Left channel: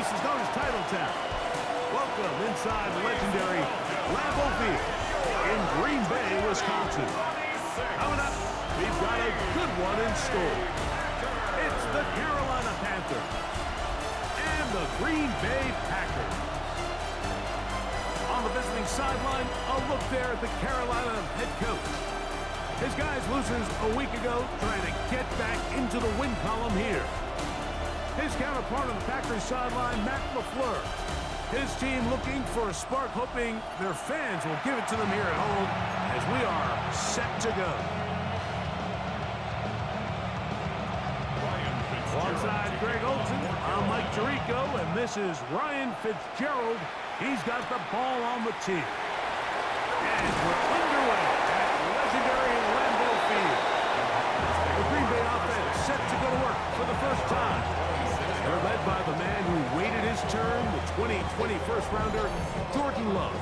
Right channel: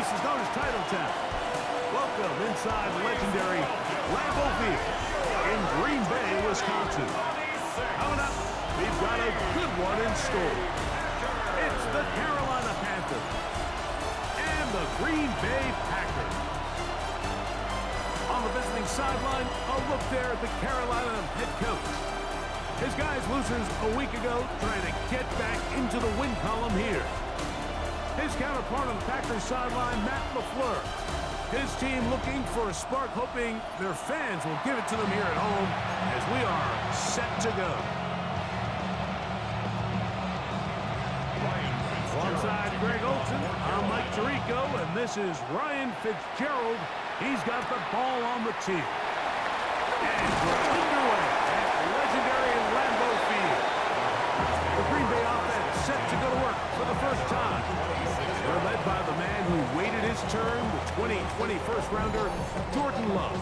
place is known as Titletown. Welcome inside legendary Lambeau Field in Green Bay, Wisconsin. Coming up, we've got a good one in store. It's the Carolina Panthers and the Green Bay Packers. On the visiting sideline, a look there at the Carolina head coach. His guys losers a week ago trying to get back into the win column here. His counterpart on the Packers sideline, Matt LaFleur. His team looking for a spark, hoping their fans will give it to them here at home as we are set to go. Alongside Greg Olson, I'm Mike Tirico, and this is Ryan Fitzgerald. He's got the ball on the tee. And we're underway at legendary Lambeau Field. The Green Bay offense set to go to work for the first time. They're led by the man who waited his turn, the 2020 first-rounder, Jordan Love.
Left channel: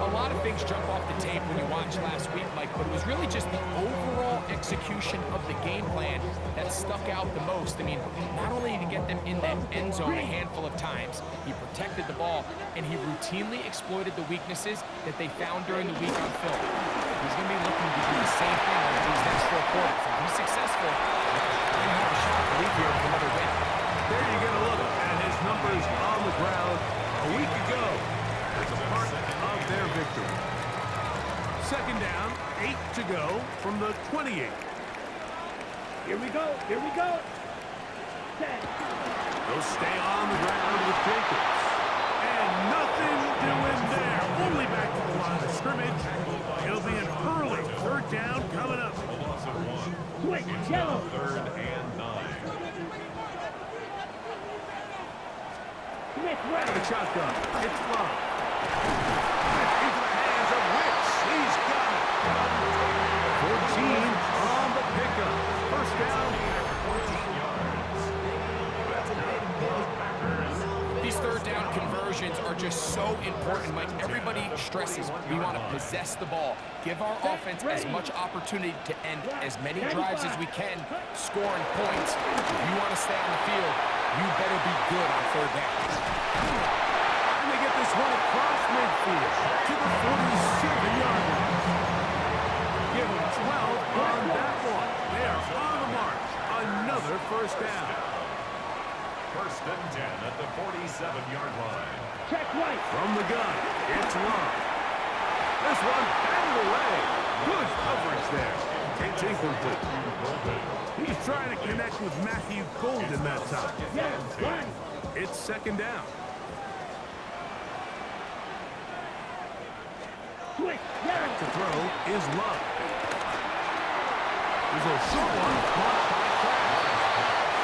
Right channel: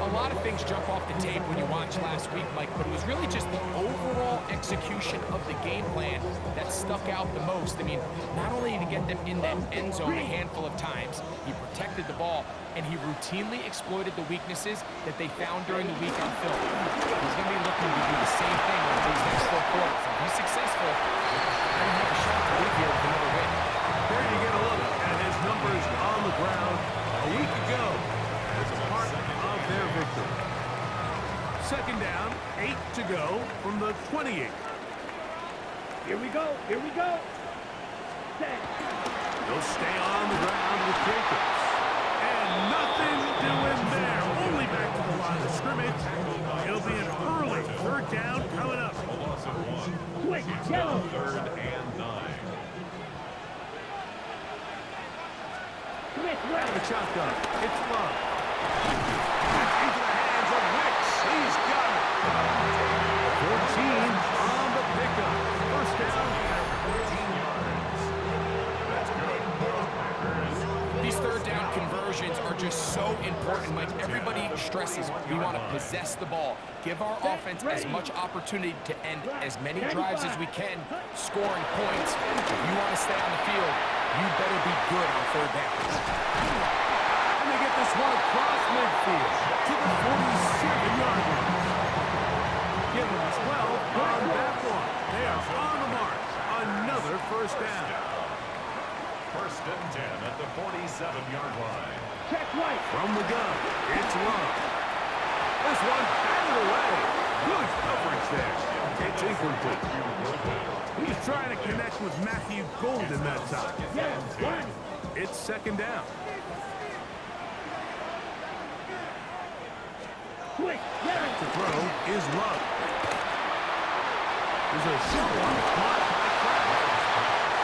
A lot of things jump off the tape when you watch last week, Mike, but it was really just the overall execution of the game plan that stuck out the most. I mean, not only did he get them in that end zone a handful of times, he protected the ball, and he routinely exploited the weaknesses that they found during the week on film. He's going to be looking to do the same thing over these next 4 quarters. If he's successful, they're going to have a shot to leave here with another win. There you get a look at his numbers on the ground a week ago as a part of their victory. Second down, 8 to go from the 28. Here we go. Here we go. Set. They'll stay on the ground with Jacobs. And nothing doing there. Only back to the line of scrimmage. It'll be an early third down coming up. Switch, yellow. 3rd and 9. Smith, Out of right. the shotgun. It's Love. And into the hands of Wicks. He's got it. 14 on the pickup. First down. 14 yards. That's good for the Packers. These third down conversions are just so important, Mike. Everybody stresses we want to possess the ball, give our offense as much opportunity to end as many drives as we can, scoring points. If you want to stay on the field, you better be good on third down. And they get this one across midfield to the 47-yard line. Give them 12 on that one. They are on the march. Another first down. 1st and 10 at the 47-yard line. Check right. From the gun, it's Love. This one batted away. Good coverage there. It's incomplete. He was trying to connect with Matthew Golden that time. Yes, right. It's second down. Switch, Back yellow. to throw is Love. There's a short one caught by Kraft.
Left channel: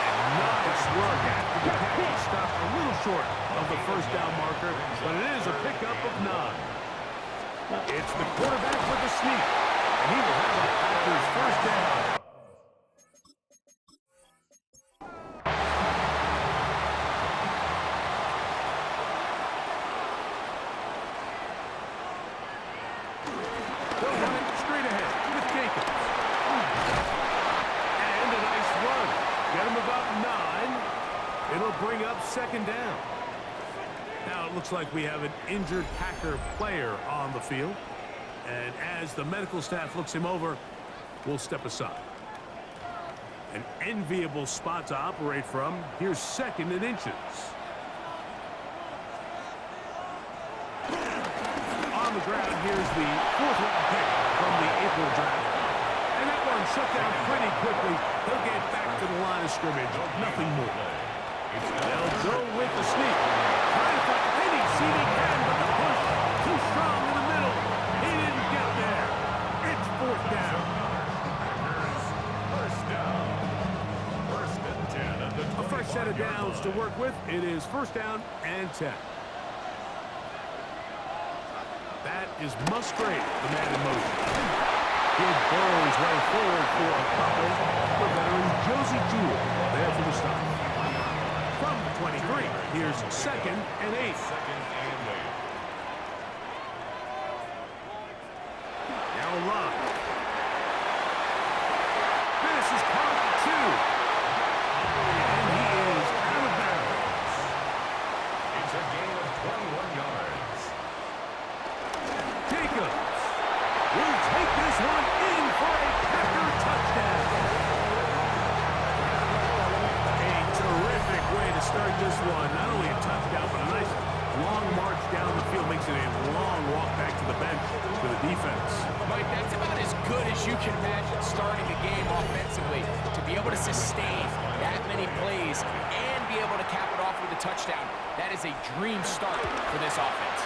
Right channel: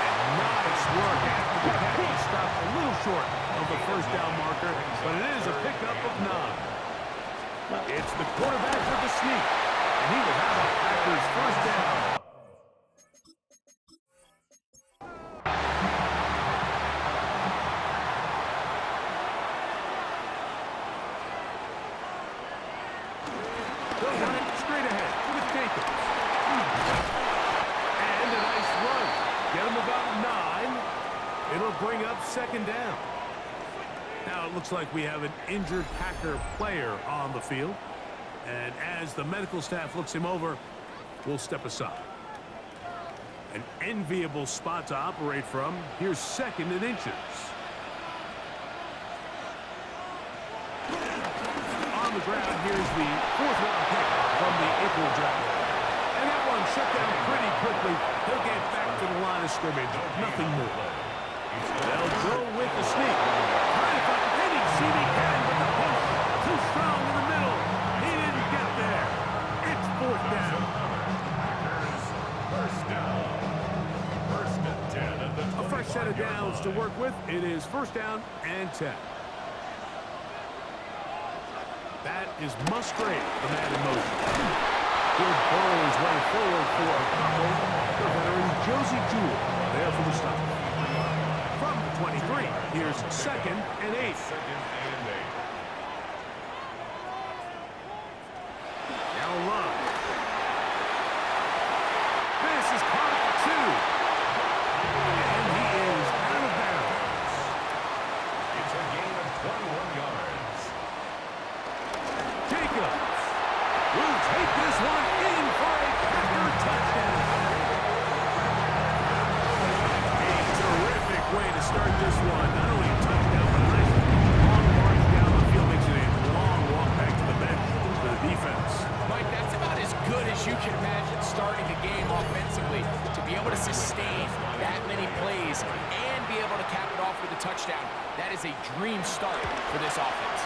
And nice work after the catch. He stopped a little short of the first down marker, but it is a pickup of 9. It's the quarterback with the sneak, and he will have a Packers first down. They'll run it straight ahead with Jacobs. And a nice run. Get him about 9. It'll bring up second down. Now it looks like we have an injured Packer player on the field. And as the medical staff looks him over, we'll step aside. An enviable spot to operate from. Here's 2nd and inches. On the ground, here's the 4th-round pick from the April draft. And that one shut down pretty quickly. He'll get back to the line of scrimmage. Nothing more. They'll go with the sneak. Trying to find any seam he can, but the push too strong in the middle. He didn't get there. It's 4th down. Packers, 1st down. 1st and 10 at the 25-yard line. A fresh set of downs to work with. It is 1st down and 10. That is Musgrave, the man in motion. He'll burrow his way forward for a couple. The veteran Josie Jewell there for the stop. From the 23, here's 2nd and 8. 2nd and 8. Now Love. This is caught at the 2. And he is out of bounds. will take this one in for a Packer touchdown. A terrific way to start this one. Not only a touchdown, but a nice long march down the field. Makes it a long walk back to the bench for the defense. Mike, that's about as good as you can imagine starting the game offensively. To be able to sustain that many plays and be able to cap it off with a touchdown, that is a dream start for this offense.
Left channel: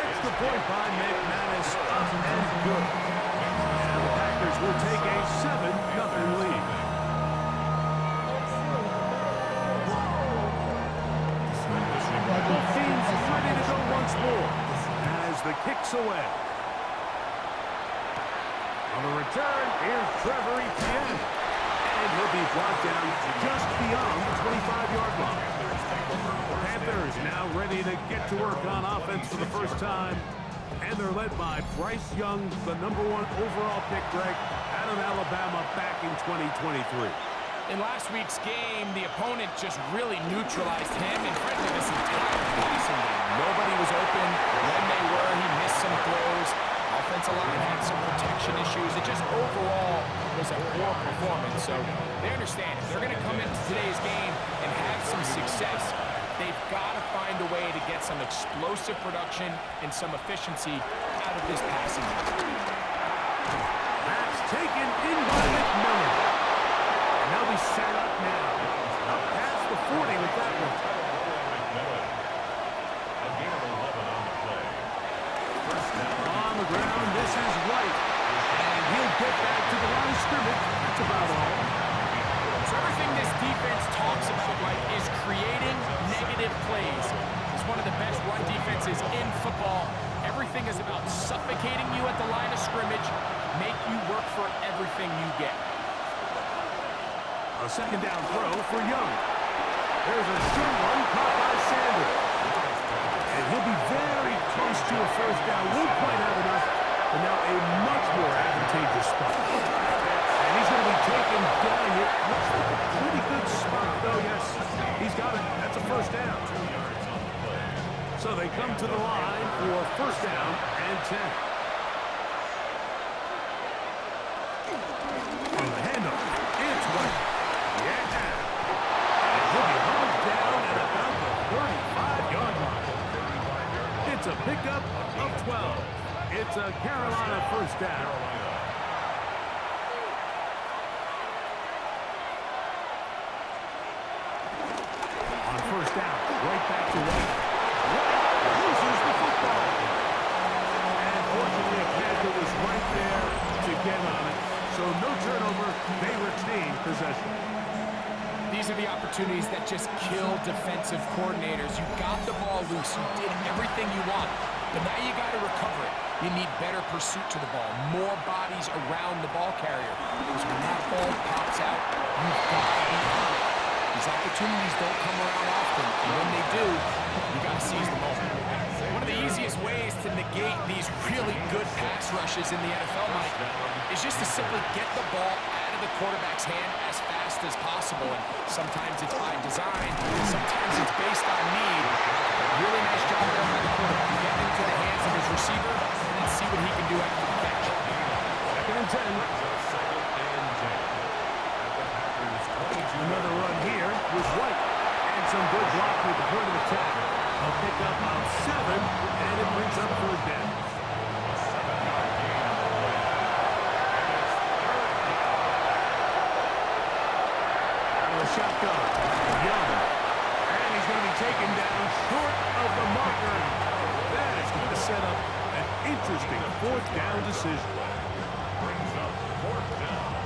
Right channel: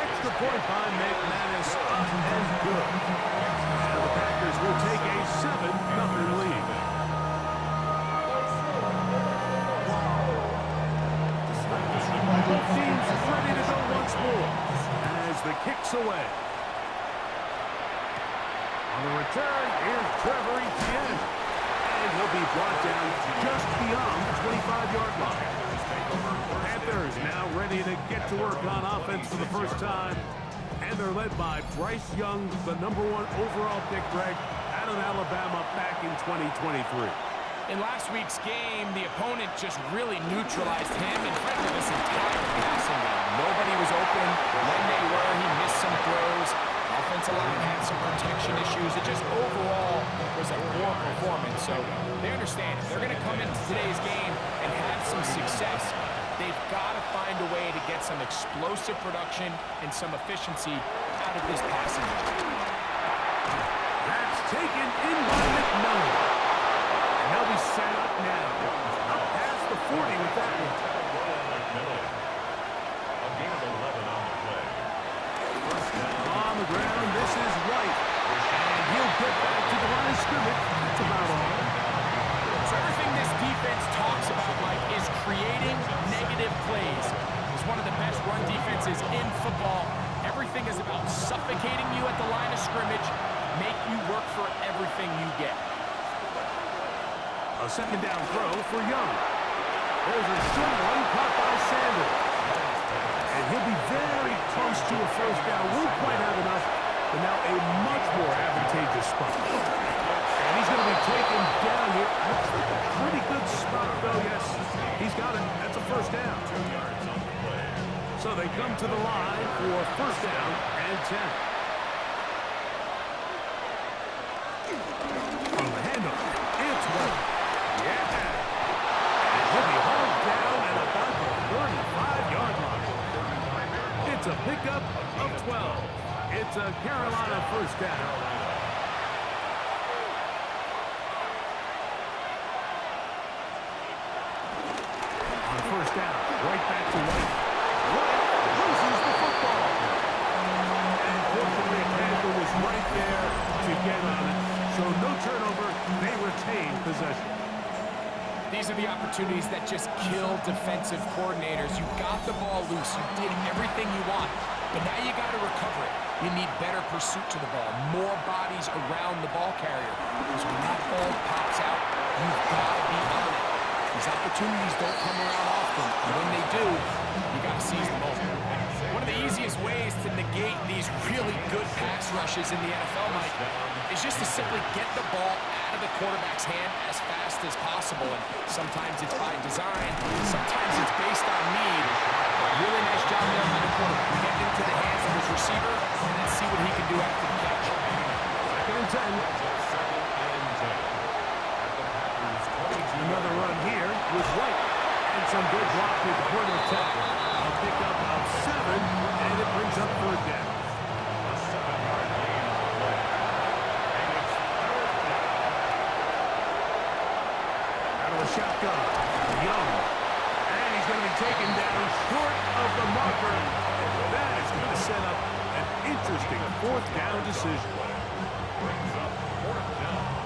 Extra point by McManus, up and good. And the Packers will take a 7-0 lead. Both teams ready to go once more as the kick's away. On the return, here's Trevor Etienne. And he'll be brought down just beyond the 25-yard line. The Panthers now ready to get to work on offense for the first time. And they're led by Bryce Young, the #1 overall pick, Greg, out of Alabama back in 2023. In last week's game, the opponent just really neutralized him and frankly this entire passing game. Nobody was open. When they were, he missed some throws. Offensive line had some protection issues. It just overall was a poor performance. So they understand if they're going to come into today's game and have some success, they've got to find a way to get some explosive production and some efficiency out of this passing game. That's taken in by McMillan. And they'll be set up now. Up past the 40 with that one. A gain of 11 on the play. First down. On the ground, this is White. And he'll get back to the line of scrimmage. That's about all. So everything this defense talks about, Mike, is creating negative plays. It's one of the best run defenses in football. Everything is about suffocating you at the line of scrimmage, make you work for everything you get. A second down throw for Young. There's a short one caught by Sanders. And he'll be very close to a first down. Won't quite have enough, but now a much more advantageous spot. And he's going to be taken down here. Looks like a pretty good spot, though. Yes, he's got it. That's a first down. 2 yards on the play. So they come to the line for first down and 10. On the handoff, it's White. Yeah. And he'll be hauled down at about the 35-yard line. It's a pickup of 12. It's a Carolina first down. On first down, right back to White. White loses the football. And fortunately, Panther was right there to get on it. So no turnover, they retain possession. These are the opportunities that just kill defensive coordinators. You got the ball loose. You did everything you want. But now you got to recover it. You need better pursuit to the ball, more bodies around the ball carrier. Because when that ball pops out, you've got to be on it. These opportunities don't come around often. And when they do, you got to seize the moment. One of the easiest ways to negate these really good pass rushes in the NFL, Mike, is just to simply get the ball out of the quarterback's hand as fast as possible. And sometimes it's by design, sometimes it's based on need. But really nice job there by the quarterback, getting into the hands of his receiver, and then see what he can do after the catch. Second and 10. Another run here with White. And some good blocking at the point of attack. A pickup of 7, and it brings up third down. A 7-yard gain on the play. And it's third down. Out of the shotgun, Young. And he's going to be taken down short of the marker. And that is going to set up an interesting fourth down decision. Brings up fourth down.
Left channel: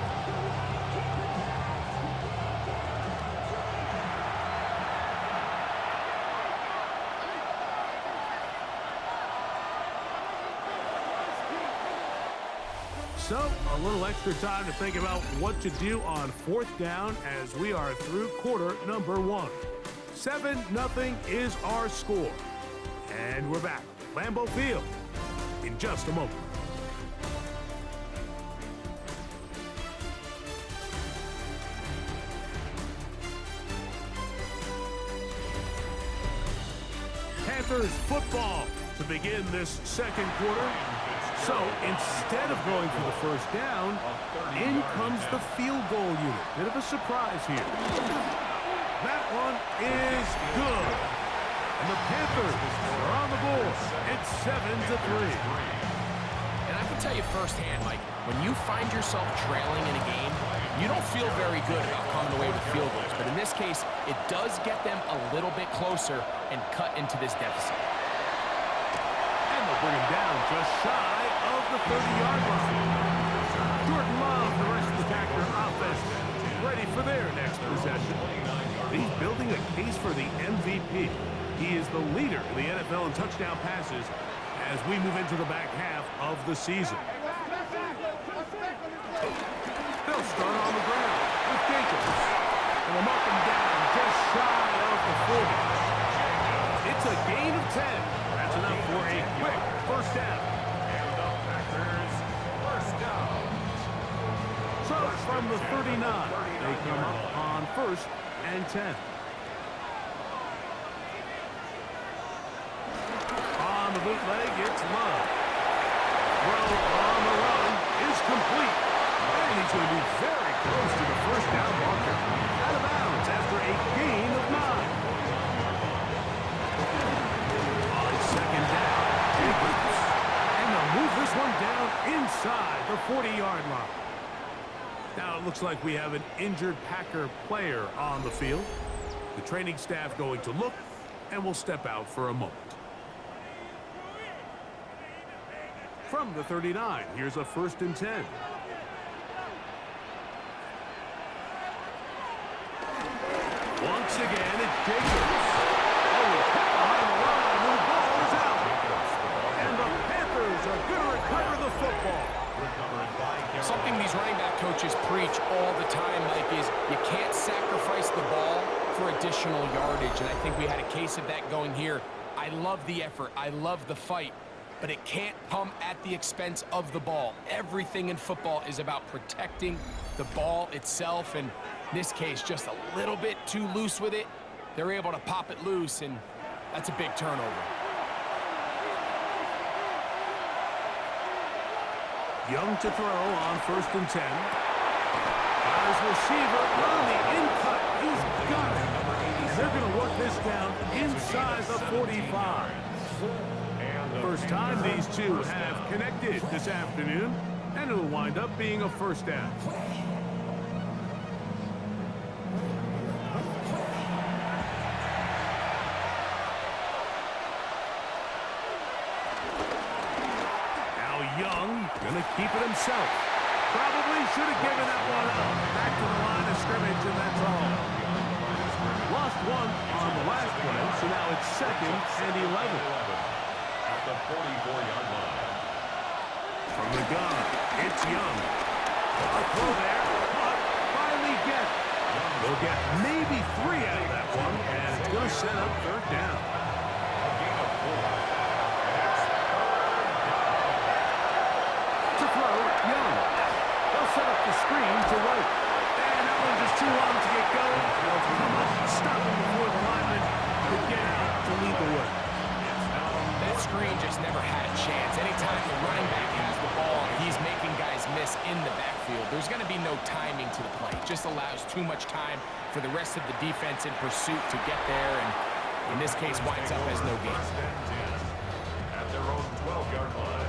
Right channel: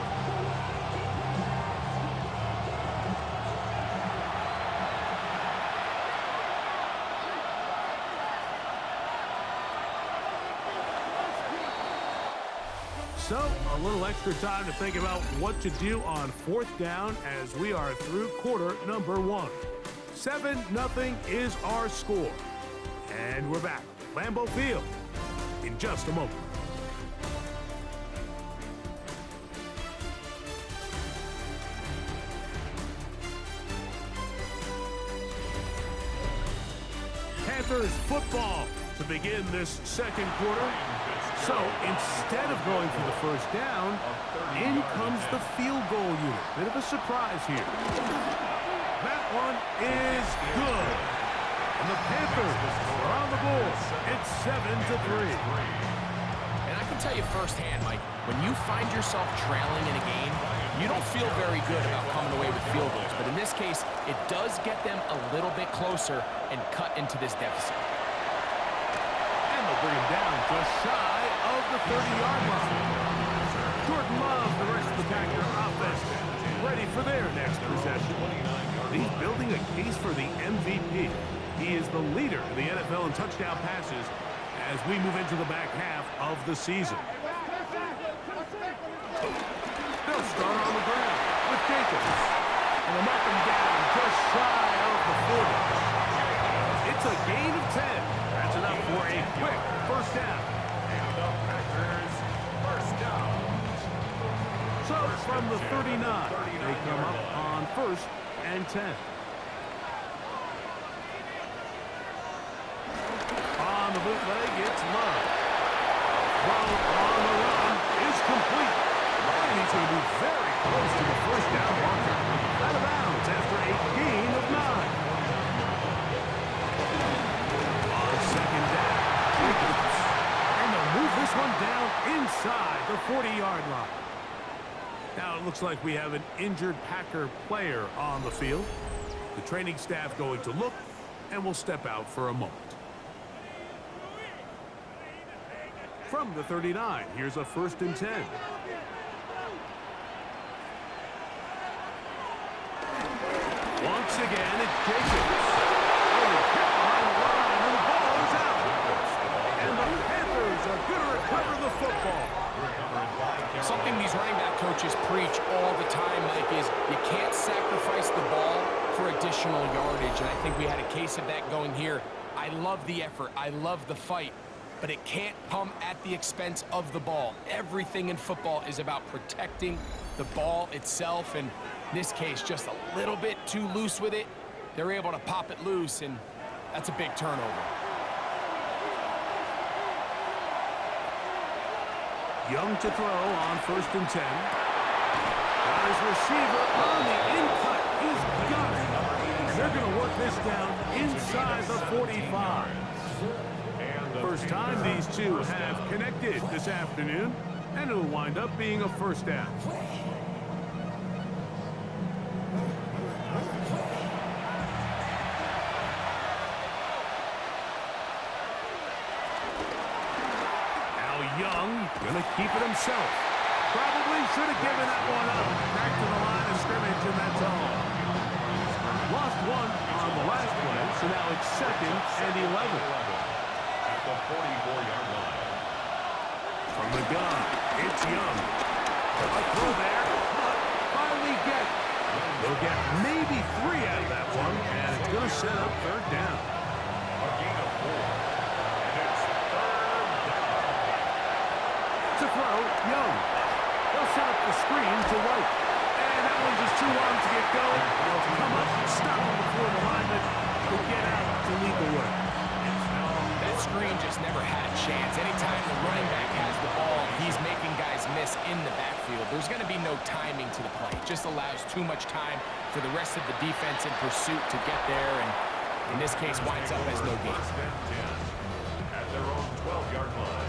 So, a little extra time to think about what to do on fourth down as we are through quarter number 1. 7-0 is our score. And we're back. Lambeau Field in just a moment. Panthers football to begin this second quarter. So instead of going for the first down, in comes the field goal unit. Bit of a surprise here. That one is good. And the Panthers are on the board. It's 7-3. And I can tell you firsthand, Mike, when you find yourself trailing in a game, you don't feel very good about coming away with field goals. But in this case, it does get them a little bit closer and cut into this deficit. And they'll bring him down just shy of the 30-yard line. Jordan Love, the rest of the Packer offense, ready for their next possession. He's building a case for the MVP. He is the leader in the NFL in touchdown passes as we move into the back half of the season. They'll start on the ground with Jacobs. And they'll mark him down just shy of the 40. It's a gain of 10. That's enough for a quick first down. And the Packers first down. So from the 39, they come up on 1st and 10. On the bootleg, it's Love. Throw on the run is complete. And he's going to be very close to the first down marker. Out of bounds after a gain of 9. On second down, Jacobs. And they'll move this one down inside the 40-yard line. Now it looks like we have an injured Packer player on the field. The training staff going to look, and will step out for a moment. From the 39, here's a 1st and 10. Once again, it's Jacobs. Oh, he's hit behind the line, and the ball is out. And the Panthers are going to recover the football. Something these running back coaches preach all the time, Mike, is you can't sacrifice the ball for additional yardage. And I think we had a case of that going here. I love the effort. I love the fight. But it can't come at the expense of the ball. Everything in football is about protecting the ball itself. And in this case, just a little bit too loose with it. They're able to pop it loose, and that's a big turnover. Young to throw on 1st and 10. Got his receiver on the in-cut. He's got it. And they're going to work this down inside the 45. First time these two have connected this afternoon, and it'll wind up being a first down. Young gonna keep it himself. Probably should have given that one up. Back to the line of scrimmage, and that's all. Lost one on the last play, so now it's 2nd and 11. At the 44-yard line. From the gun, it's Young. A throw there, but finally get. They'll get maybe 3 out of that one, and it's gonna set up 3rd down. A gain of 4. To throw, Young. They'll set up the screen to White. And that one just too long to get going. They'll come up and stop him before the lineman could get out to lead the way. That screen just never had a chance. Anytime the running back has the ball, he's making guys miss in the backfield. There's going to be no timing to the play. It just allows too much time for the rest of the defense in pursuit to get there, and in this case winds up as no gain. At their own 12-yard line.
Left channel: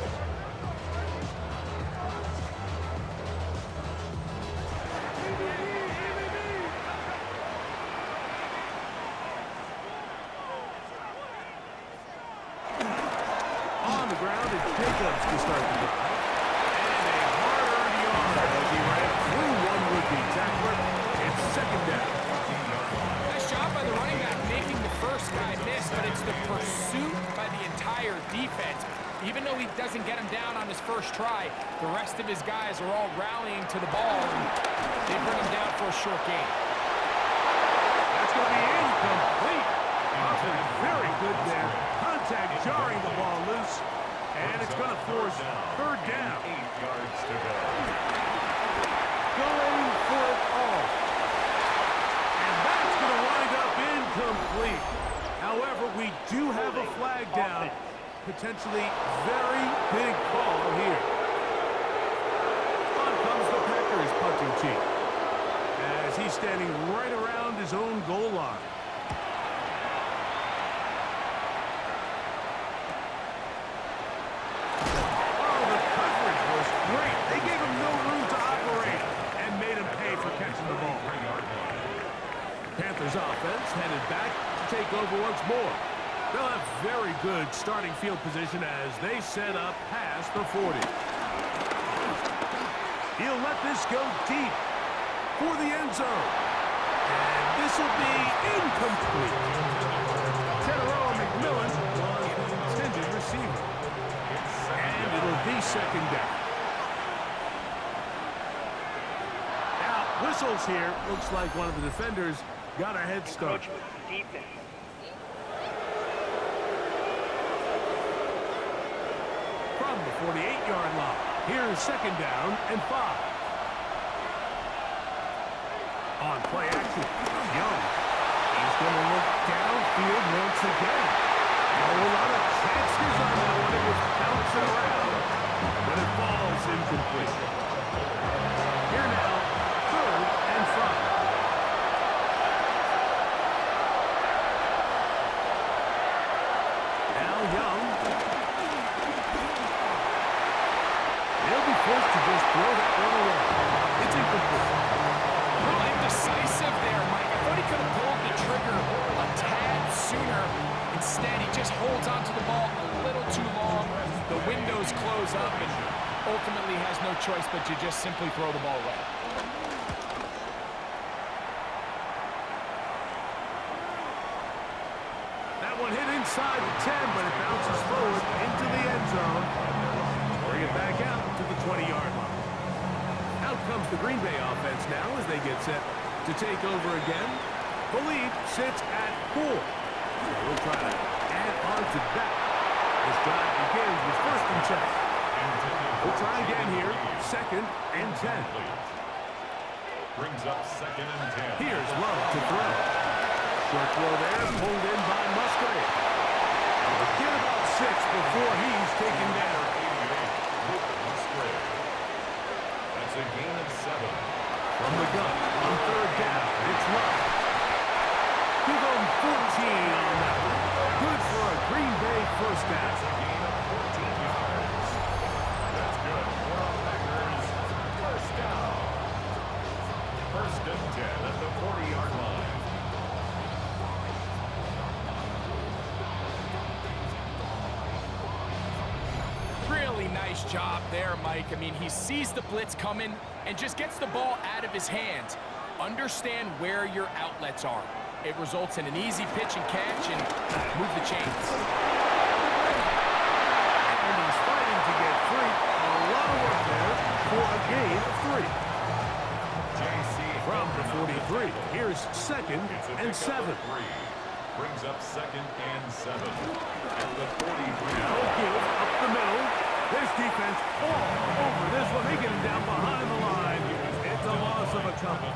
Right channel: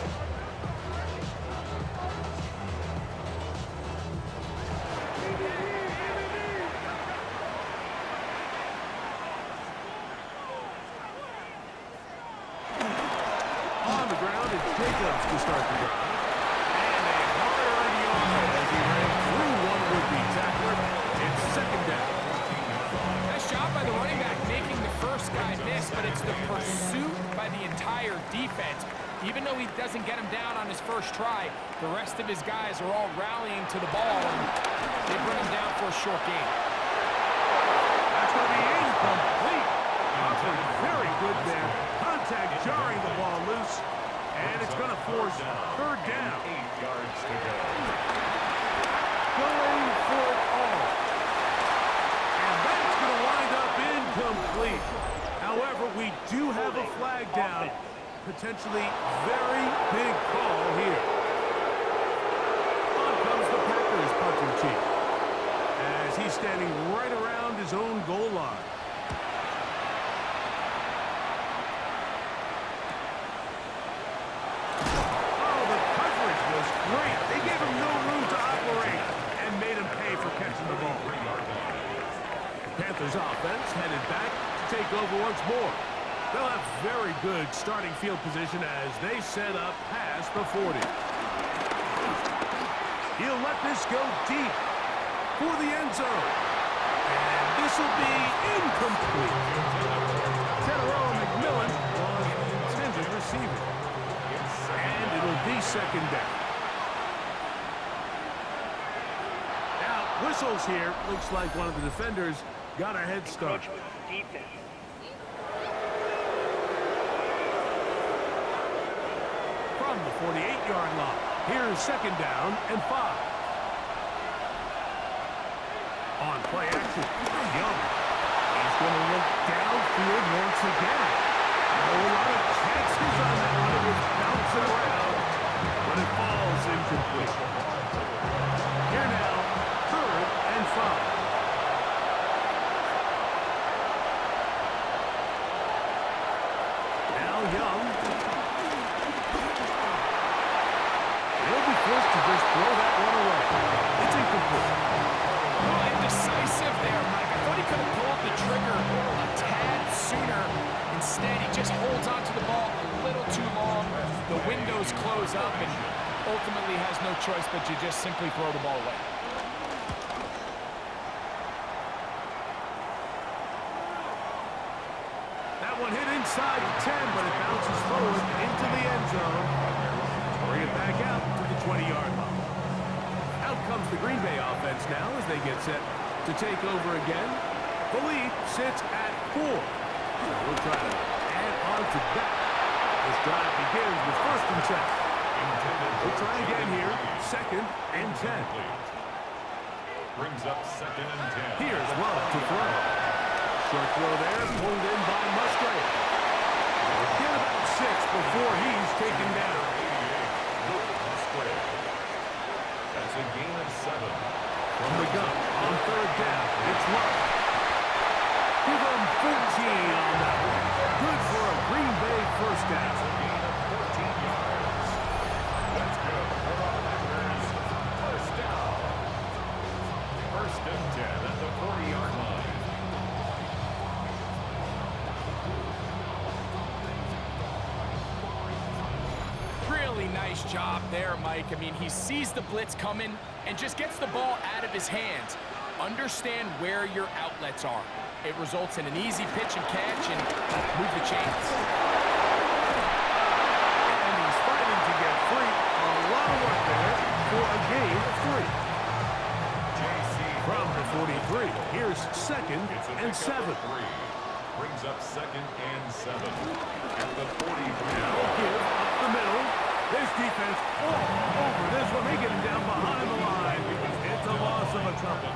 On the ground, it's Jacobs to start the drive. And a hard yard as he ran through one would-be tackler. It's 2nd down. Nice job by the running back making the first guy miss, but it's the pursuit by the entire defense. Even though he doesn't get him down on his first try, the rest of his guys are all rallying to the ball, and they bring him down for a short gain. That's going to be incomplete. Covered very good there. Contact jarring the ball loose, and it's going to force 3rd down. 8 yards to go. Going for it all. And that's going to wind up incomplete. However, we do have a flag down. potentially very big call here. On comes the Packers punting team, as he's standing right around his own goal line. Oh, the coverage was great. They gave him no room to operate and made him pay for catching the ball. The Panthers offense headed back to take over once more. They'll have very good starting field position as they set up past the 40. He'll let this go deep for the end zone. And this will be incomplete. Tedero McMillan was the intended receiver. And it'll be second down. Now, whistles here. Looks like one of the defenders got a head start. From the 48-yard line, here's second down and 5. On play action, Young. He's going to look downfield once again. Oh, a lot of chances on that one. It was bouncing around, but it falls incomplete. Here now, third and 5. Now Young. They'll be forced to just throw that one away. It's incomplete. A little indecisive there, Mike. I thought he could have pulled the trigger a tad sooner. Instead, he just holds onto the ball a little too long. The windows close up and ultimately has no choice but to just simply throw the ball away. That one hit inside the 10, but it bounces forward into the end zone. Bring it back out to the 20-yard line. Out comes the Green Bay offense now as they get set to take over again. The lead sits at 4. So we'll try to add on to that. This drive begins with first and 10. We'll try again here. Second and 10. Brings up second and 10. Here's Love to throw. Short throw there, pulled in by Musgrave. We'll get about 6 before he's taken down. That's a gain of 7. From the gun on third down, it's Love. Give him 14 on that one. Good for a Green Bay first down. That's a gain of 14 yards. That's good for our Packers. First down. First and 10 at the 40-yard line. Really nice job there, Mike. I mean, he sees the blitz coming and just gets the ball out of his hands. Understand where your outlets are. It results in an easy pitch and catch and move the chains. And he's fighting to get free. A lot of work there for a gain of 3. From the 43, here's second and 7. Brings up second and 7 at the 43. Now give up the middle. This defense all over this one. They get him down behind the line. It's a loss of a couple.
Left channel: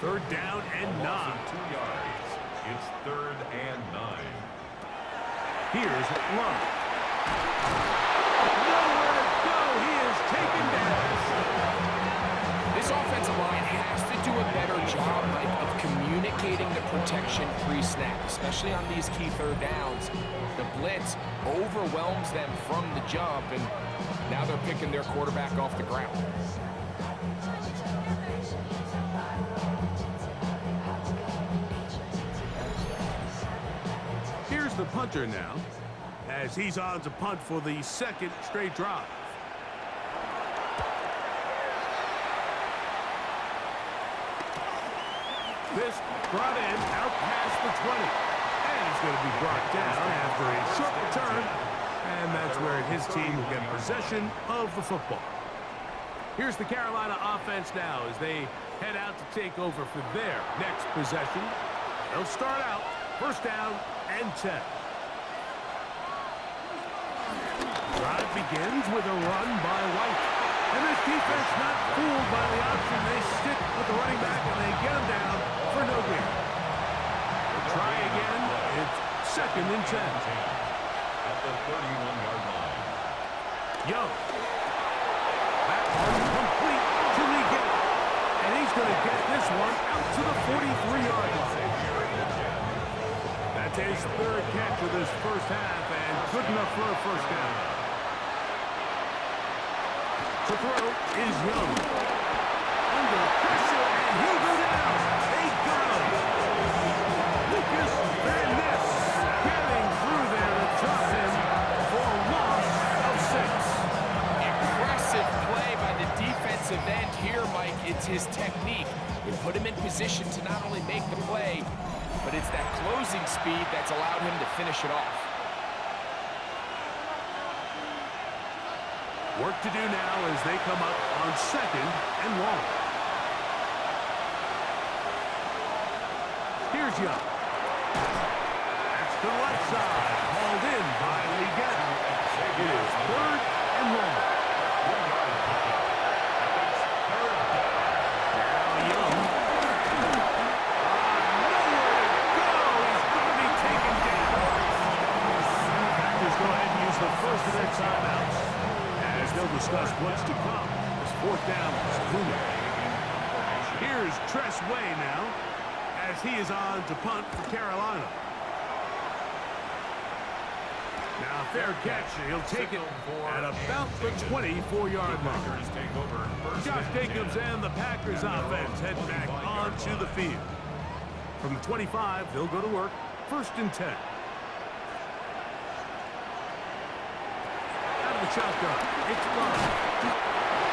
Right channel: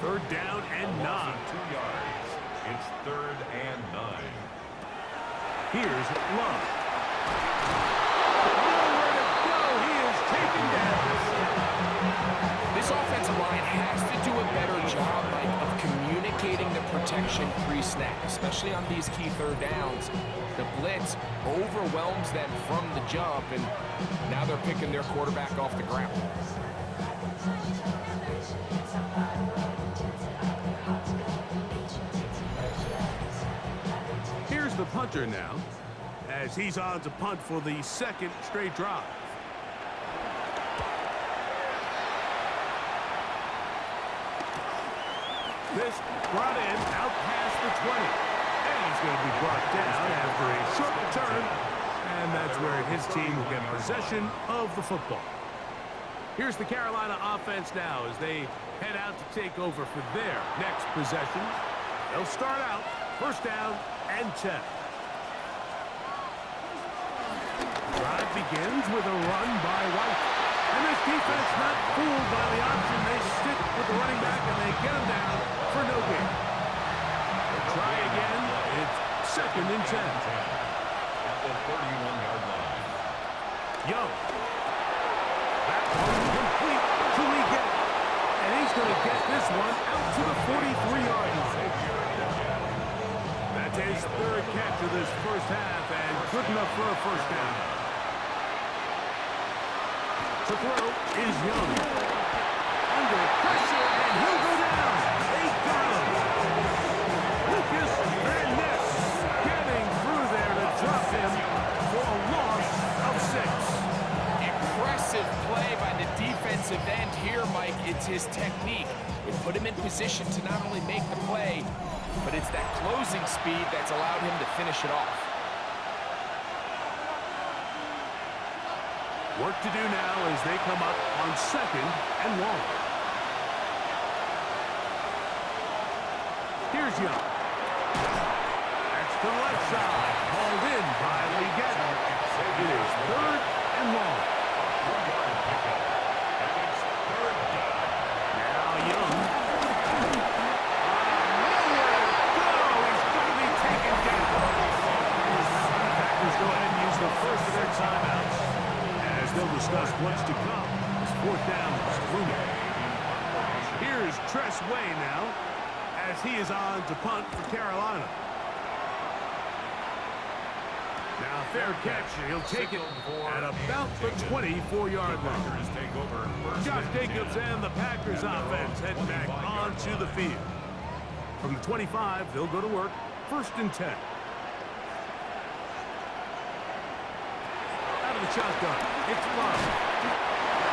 Third down and 9. 2 yards. It's third and 9. Here's Love. Nowhere to go. He is taken down. This offensive line has to do a better job, Mike, of communicating the protection pre-snap, especially on these key third downs. The blitz overwhelms them from the jump, and now they're picking their quarterback off the ground. Here's the punter now, as he's on to punt for the second straight drive. This brought in out past the 20. And he's going to be brought down after a short return. And that's where his team will get possession of the football. Here's the Carolina offense now as they head out to take over for their next possession. They'll start out first down and 10. Drive begins with a run by White. And this defense not fooled by the option. They stick with the running back and they get him down for no gain. They'll try again. It's second and 10. At the 31-yard line. Young. That one complete to Leggett. And he's going to get this one out to the 43-yard line. That's his third catch of this first half, and good enough for a first down. To throw is Young. Under pressure, and he'll go down. They got him. Lucas Van Ness getting through there to drop him for a loss of 6. Impressive play by the defensive end here, Mike. It's his technique. It put him in position to not only make the play, but it's that closing speed that's allowed him to finish it off. Work to do now as they come up on 2nd and long. Here's Young. That's to the left side. Hauled in by Leggett. It is 3rd and long. 3-yard pickup. And it's 3rd down. Now Young. Nowhere to go. He's going to be taken down. Packers go ahead and use the first of their timeouts as they'll discuss what's to come. This 4th down is looming. Here's Tress Way now as he is on to punt for Carolina. Now fair catch, and he'll take it at about the 24-yard line. Josh Jacobs and the Packers offense heading back onto the field. From the 25, they'll go to work. 1st and 10. Out of the shotgun, it's Love.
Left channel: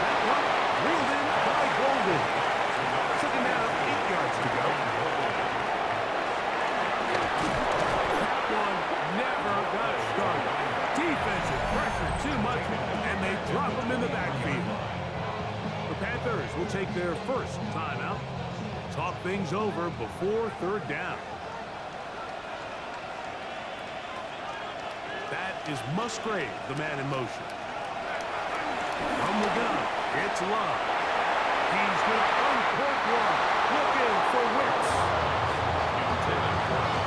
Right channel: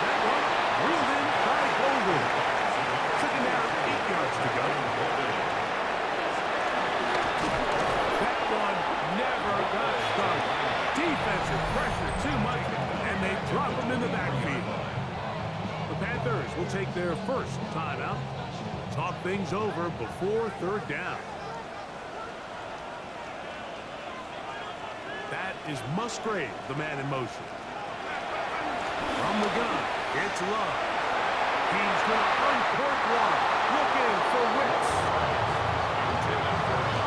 That one reeled in by Golden. 2nd down, 8 yards to go. That one never got started. Defensive pressure too much, and they drop him in the backfield. The Panthers will take their first timeout. Talk things over before 3rd down. That is Musgrave, the man in motion. From the gun, it's Love. He's going to uncork one, looking for Wicks.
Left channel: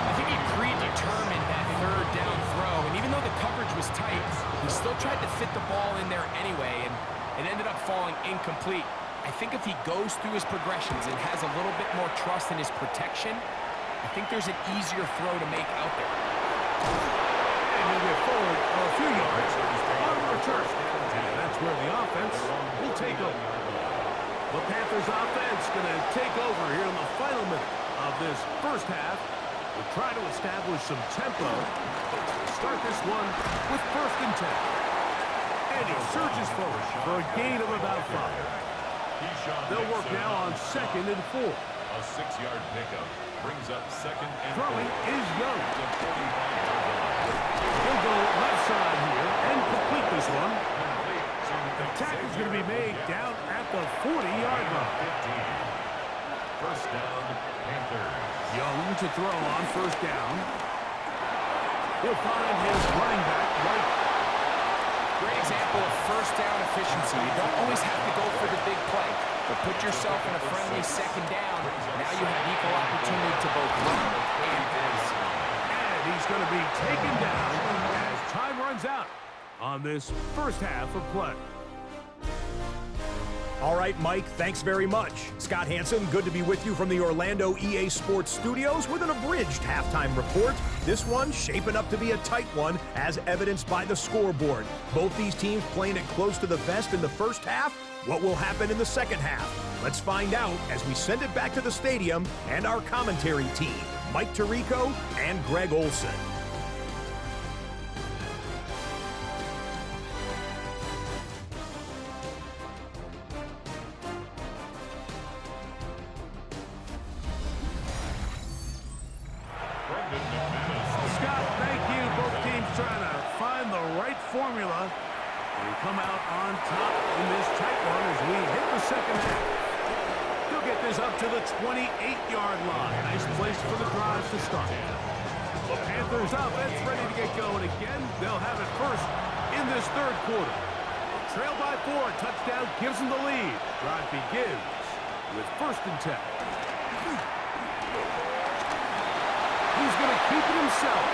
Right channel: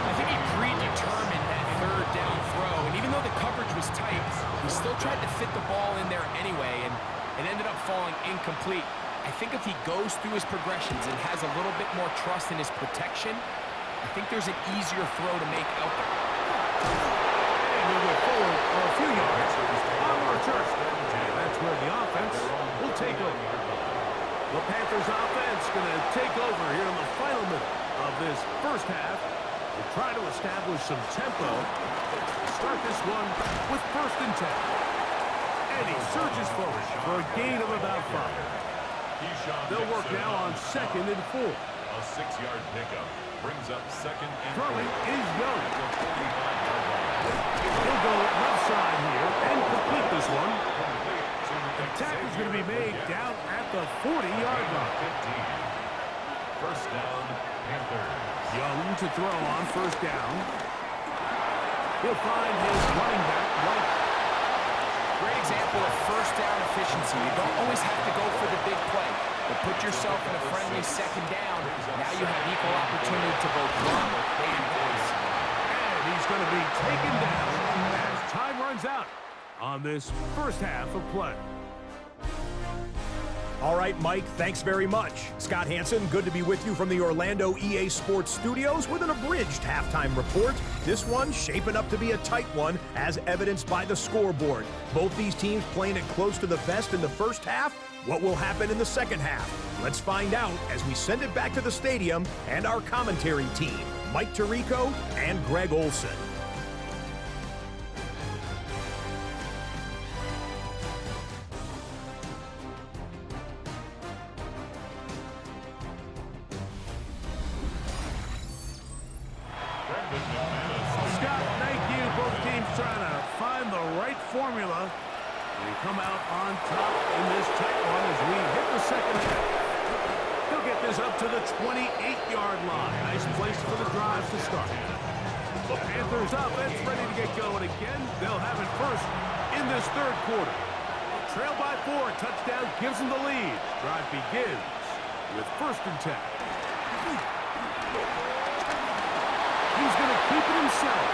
I think he predetermined that 3rd down throw, and even though the coverage was tight, he still tried to fit the ball in there anyway, and it ended up falling incomplete. I think if he goes through his progressions and has a little bit more trust in his protection, I think there's an easier throw to make out there. And he'll get forward a few yards on the return. And that's where the offense will take over. The Panthers offense going to take over here in the final minute of this first half. We'll try to establish some tempo. Start this one with 1st and 10. And he surges forward for a gain of about 5. They'll work now on 2nd and 4. A 6-yard pickup brings up 2nd and 4. Throwing is Young. At the 45-yard line. He'll go left side here and complete this one. Complete to The tackle's going to be made down at the 40-yard line. 15. First down, Panthers. Young to throw on 1st down. He'll find his running back, White. Great example of 1st down efficiency. You don't always have to go for the big play, but put yourself in a friendly 2nd down. Now you have equal opportunity to both run and pass. And he's going to be taken down as time runs out on this first half of play. All right, Mike, thanks very much. Scott Hansen, good to be with you from the Orlando EA Sports Studios with an abridged halftime report. This one shaping up to be a tight one, as evidenced by the scoreboard. Both these teams playing it close to the vest in the first half. What will happen in the second half? Let's find out as we send it back to the stadium and our commentary team, Mike Tirico and Greg Olson. Scott, thank you. Both teams trying to find the right formula and come out on top in this tight one as we hit the second half. He'll get this up to the 28-yard line. Nice place for the drive to start. The Panthers offense ready to get going again. They'll have it first in this 3rd quarter. Trail by 4, touchdown gives them the lead. Drive begins with 1st and 10. He's going to keep it himself.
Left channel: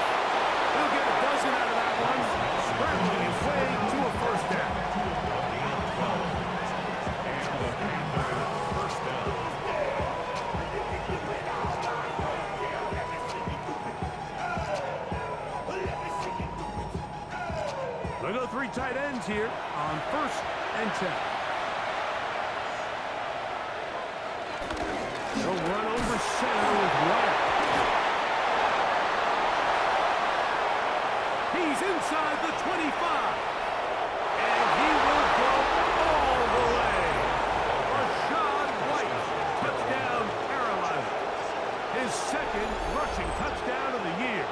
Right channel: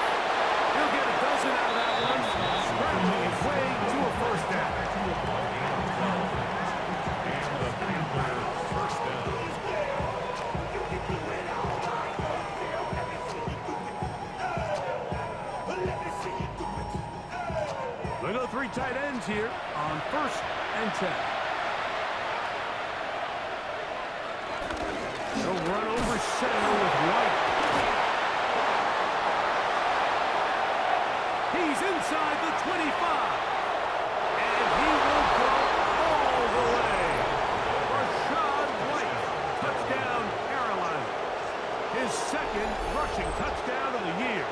He'll get a dozen out of that one, scrambling his way to a first down. A gain of 12. And the Panther first down. They go 3 tight ends here on 1st and 10. They'll run over center with White. He's inside the 25. And he will go all the way. Rashad White, touchdown Carolina. His 2nd rushing touchdown of the year.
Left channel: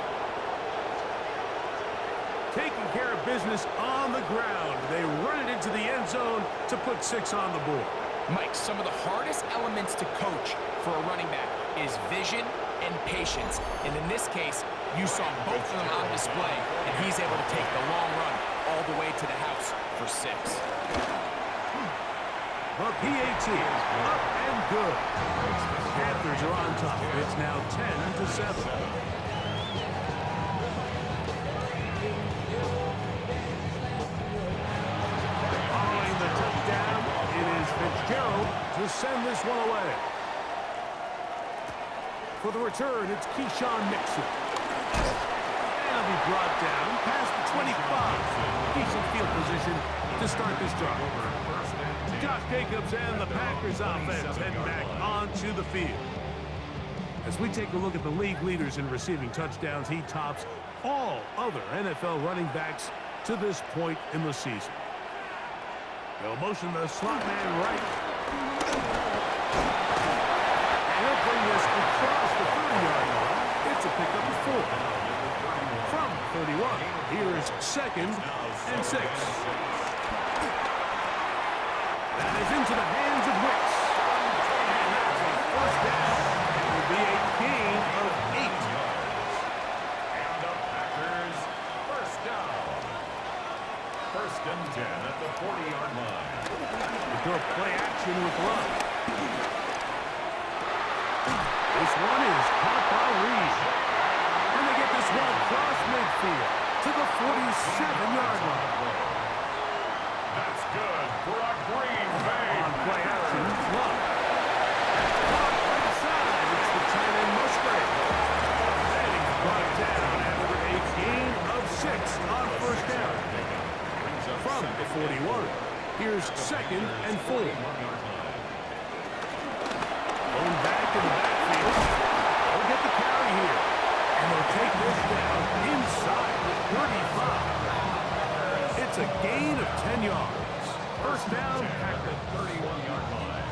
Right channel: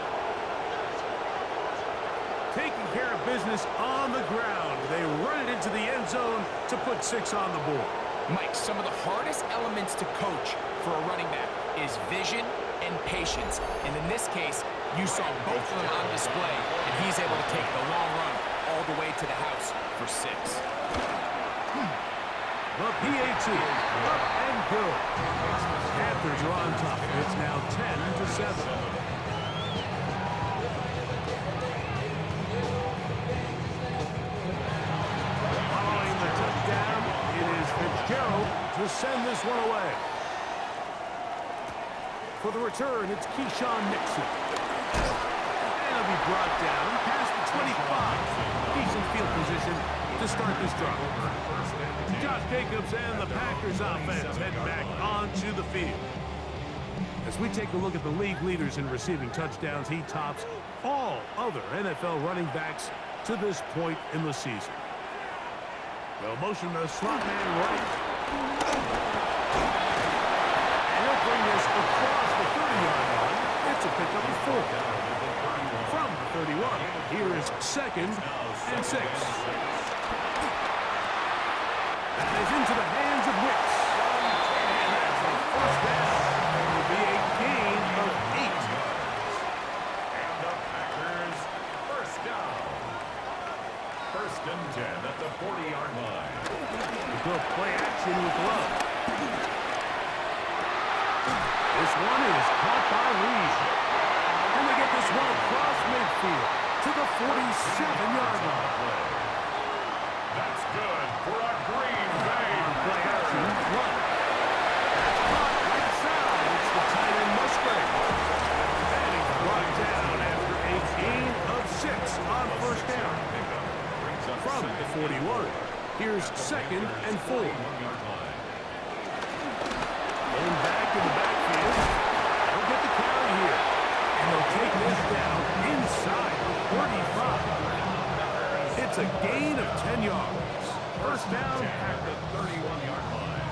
Taking care of business on the ground. They run it into the end zone to put 6 on the board. Mike, some of the hardest elements to coach for a running back is vision and patience. And in this case, you saw both of them on display, and he's able to take the long run all the way to the house for 6. The PAT, up and good. Panthers are on top. It's now 10-7. Following the touchdown, it is Fitzgerald to send this one away. For the return, it's Keyshawn Nixon. And he'll be brought down past the 25. Decent field position to start this drive. Josh Jacobs and the Packers offense head back onto the field. As we take a look at the league leaders in receiving touchdowns, he tops all other NFL running backs to this point in the season. They'll motion the slot man right. And he'll bring this across the 30-yard line. It's a pickup of 4. From the 31, here is 2nd and 6. That is into the hands of Wicks. And that's a first down. It will be a gain of 8. And the Packers first down. 1st and 10 at the 40-yard line. We go play action with Love. This one is caught by Reed. And they get this one across midfield to the 47-yard line. That's good for a Green Bay. On play action, Love. That's caught right side. It's the tight end Musgrave. And he's brought down after a gain of 6 on first down. From the 41, here's 2nd and 4. Going back in the backfield. They'll get the carry here. And they'll take this down inside the 35. It's a gain of 10 yards. First down, Packers. 31-yard line.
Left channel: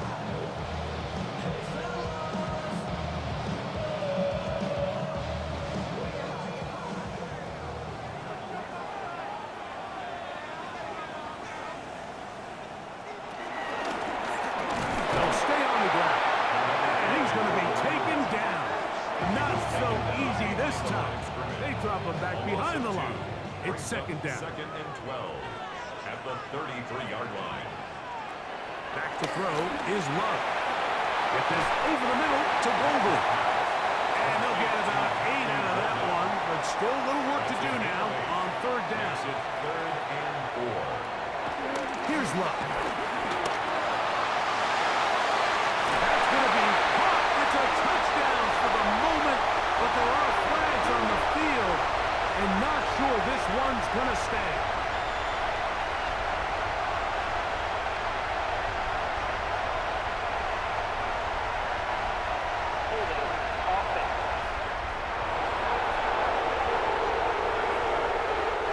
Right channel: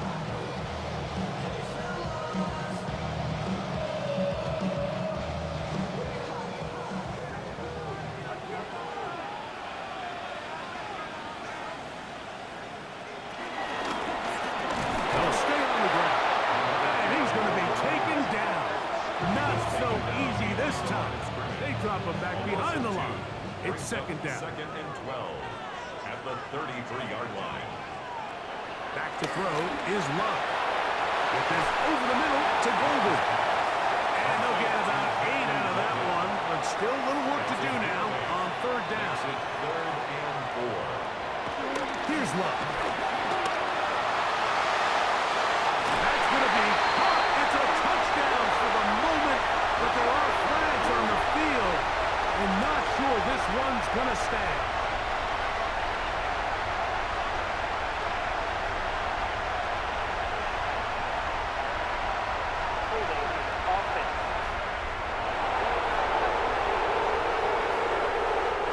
They'll stay on the ground. And he's going to be taken down. Not so easy this time. They drop him back behind the line. It's 2nd down. 2nd and 12 at the 33-yard line. Back to throw is Love. Get this over the middle to Golden. And they'll get about 8 out of that one, but still a little work to do now on 3rd down. Makes it 3rd and 4. Here's Love. That's going to be caught. It's a touchdown for the moment, but there are flags on the field, and not sure this one's going to stand.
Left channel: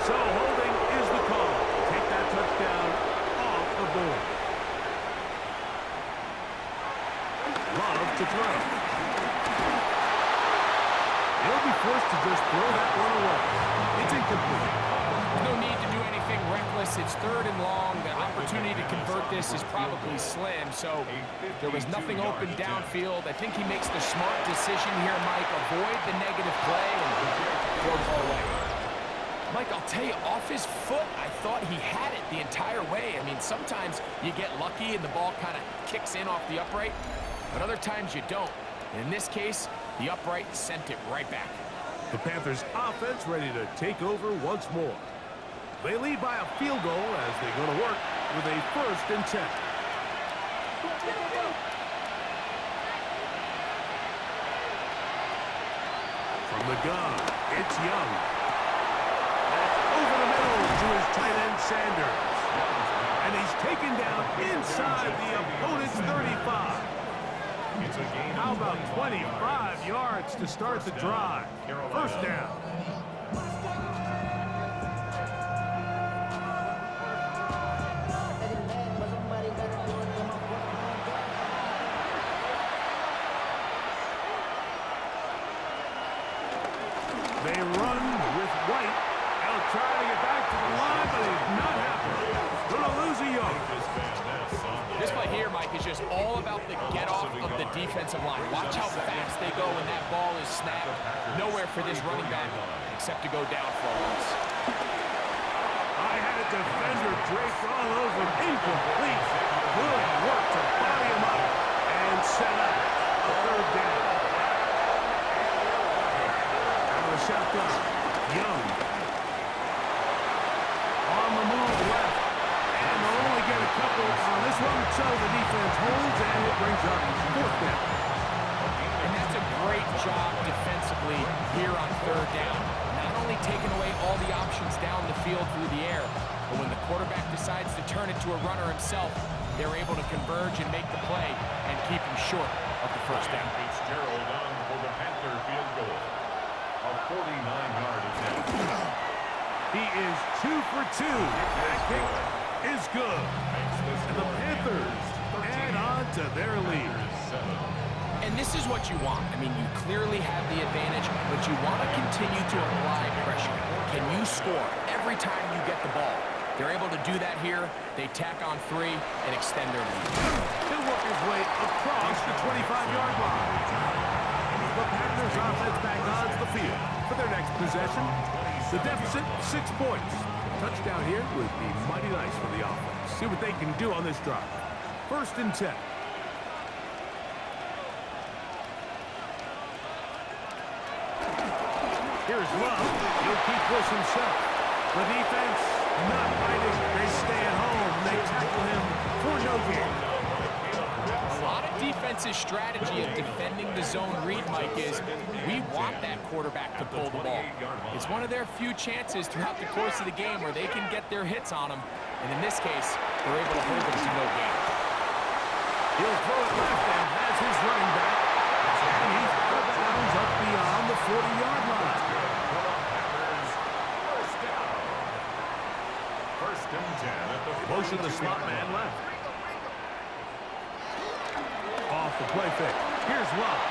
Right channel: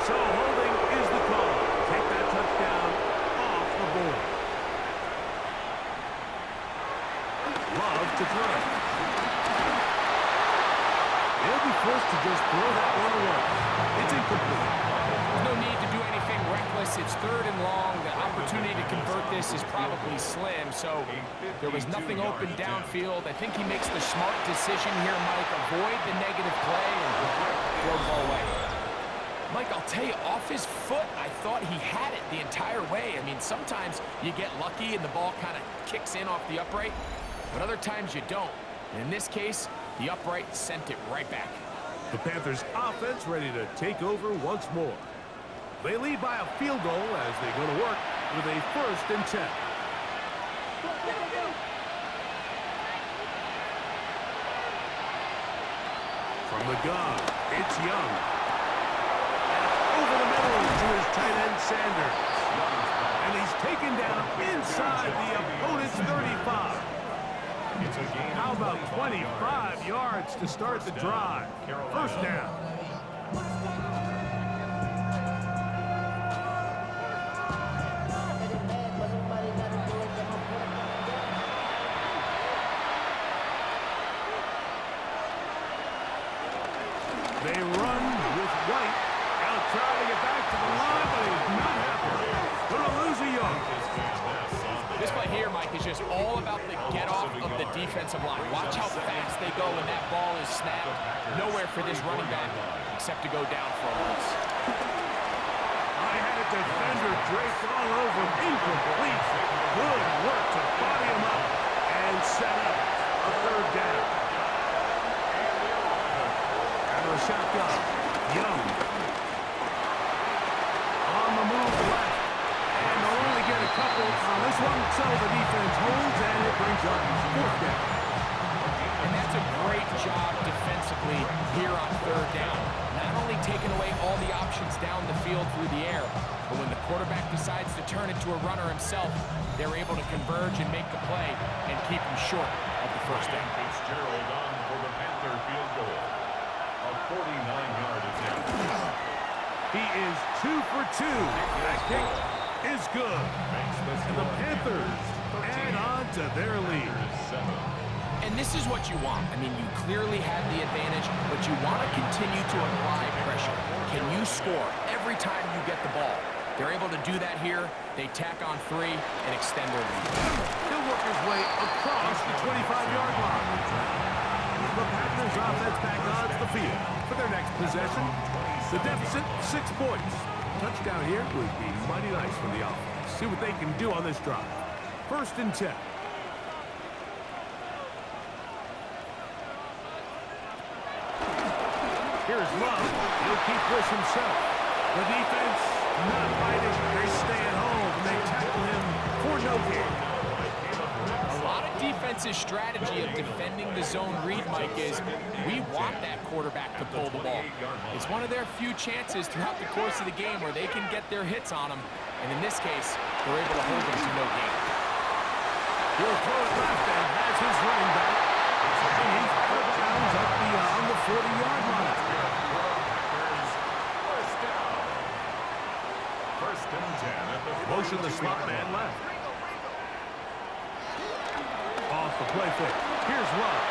So holding is the call. Take that touchdown off the board. Love to throw. He'll be forced to just throw that one away. It's incomplete. There's no need to do anything reckless. It's 3rd and long. The opportunity to convert this is probably slim, so there was nothing open downfield. I think he makes the smart decision here, Mike. Avoid the negative play and throw the ball away. Mike, I'll tell you, off his foot, I thought he had it the entire way. I mean, sometimes you get lucky and the ball kind of kicks in off the upright, but other times you don't. In this case, the upright sent it right back. The Panthers offense ready to take over once more. They lead by a field goal as they go to work with a 1st and 10. From the gun, it's Young. That's over the middle to his tight end, Sanders. And he's taken down inside the opponent's 35. How about 25 yards to start the drive? 1st down. They run with White. He'll try to get back to the line, but he's not happy. Gonna lose a yard. This play here, Mike, is just all about the get-off of the defensive line. Watch how fast they go when that ball is snapped. Nowhere for this running back except to go down for a loss. I had a defender draped all over him. Incomplete. Good work to body him up and set up a 3rd down. Out of the shotgun, Young. On the move left. And they'll only get a couple on this one, so the defense holds, and it brings up 4th down. And that's a great job defensively here on 3rd down. Not only taking away all the options down the field through the air, but when the quarterback decides to turn it to a runner himself, they're able to converge and make the play and keep him short of the 1st down. Fitzgerald on for the Panther field goal. A 49-yard attempt. He is 2 for 2. That kick is good. And the Panthers add on to their lead. And this is what you want. I mean, you clearly have the advantage, but you want to continue to apply pressure. Can you score every time you get the ball? They're able to do that here. They tack on 3 and extend their lead. He'll work his way across the 25-yard line. The Panthers offense back onto the field for their next possession. The deficit, 6 points. Touchdown here would be mighty nice for the offense. See what they can do on this drive. 1st and 10. Here's Love. He'll keep this himself. The defense not biting. They stay at home and they tackle him for no gain. A lot of defense's strategy of defending the zone read, Mike, is we want that quarterback to pull the ball. It's one of their few chances throughout the course of the game where they can get their hits on him, and in this case, they're able to hold him to no gain. He'll throw it left and has his running back, and he's out of bounds up beyond the 40-yard line. First down. 1st and 10 at the Motion the slot man left. Off the play fake. Here's Love.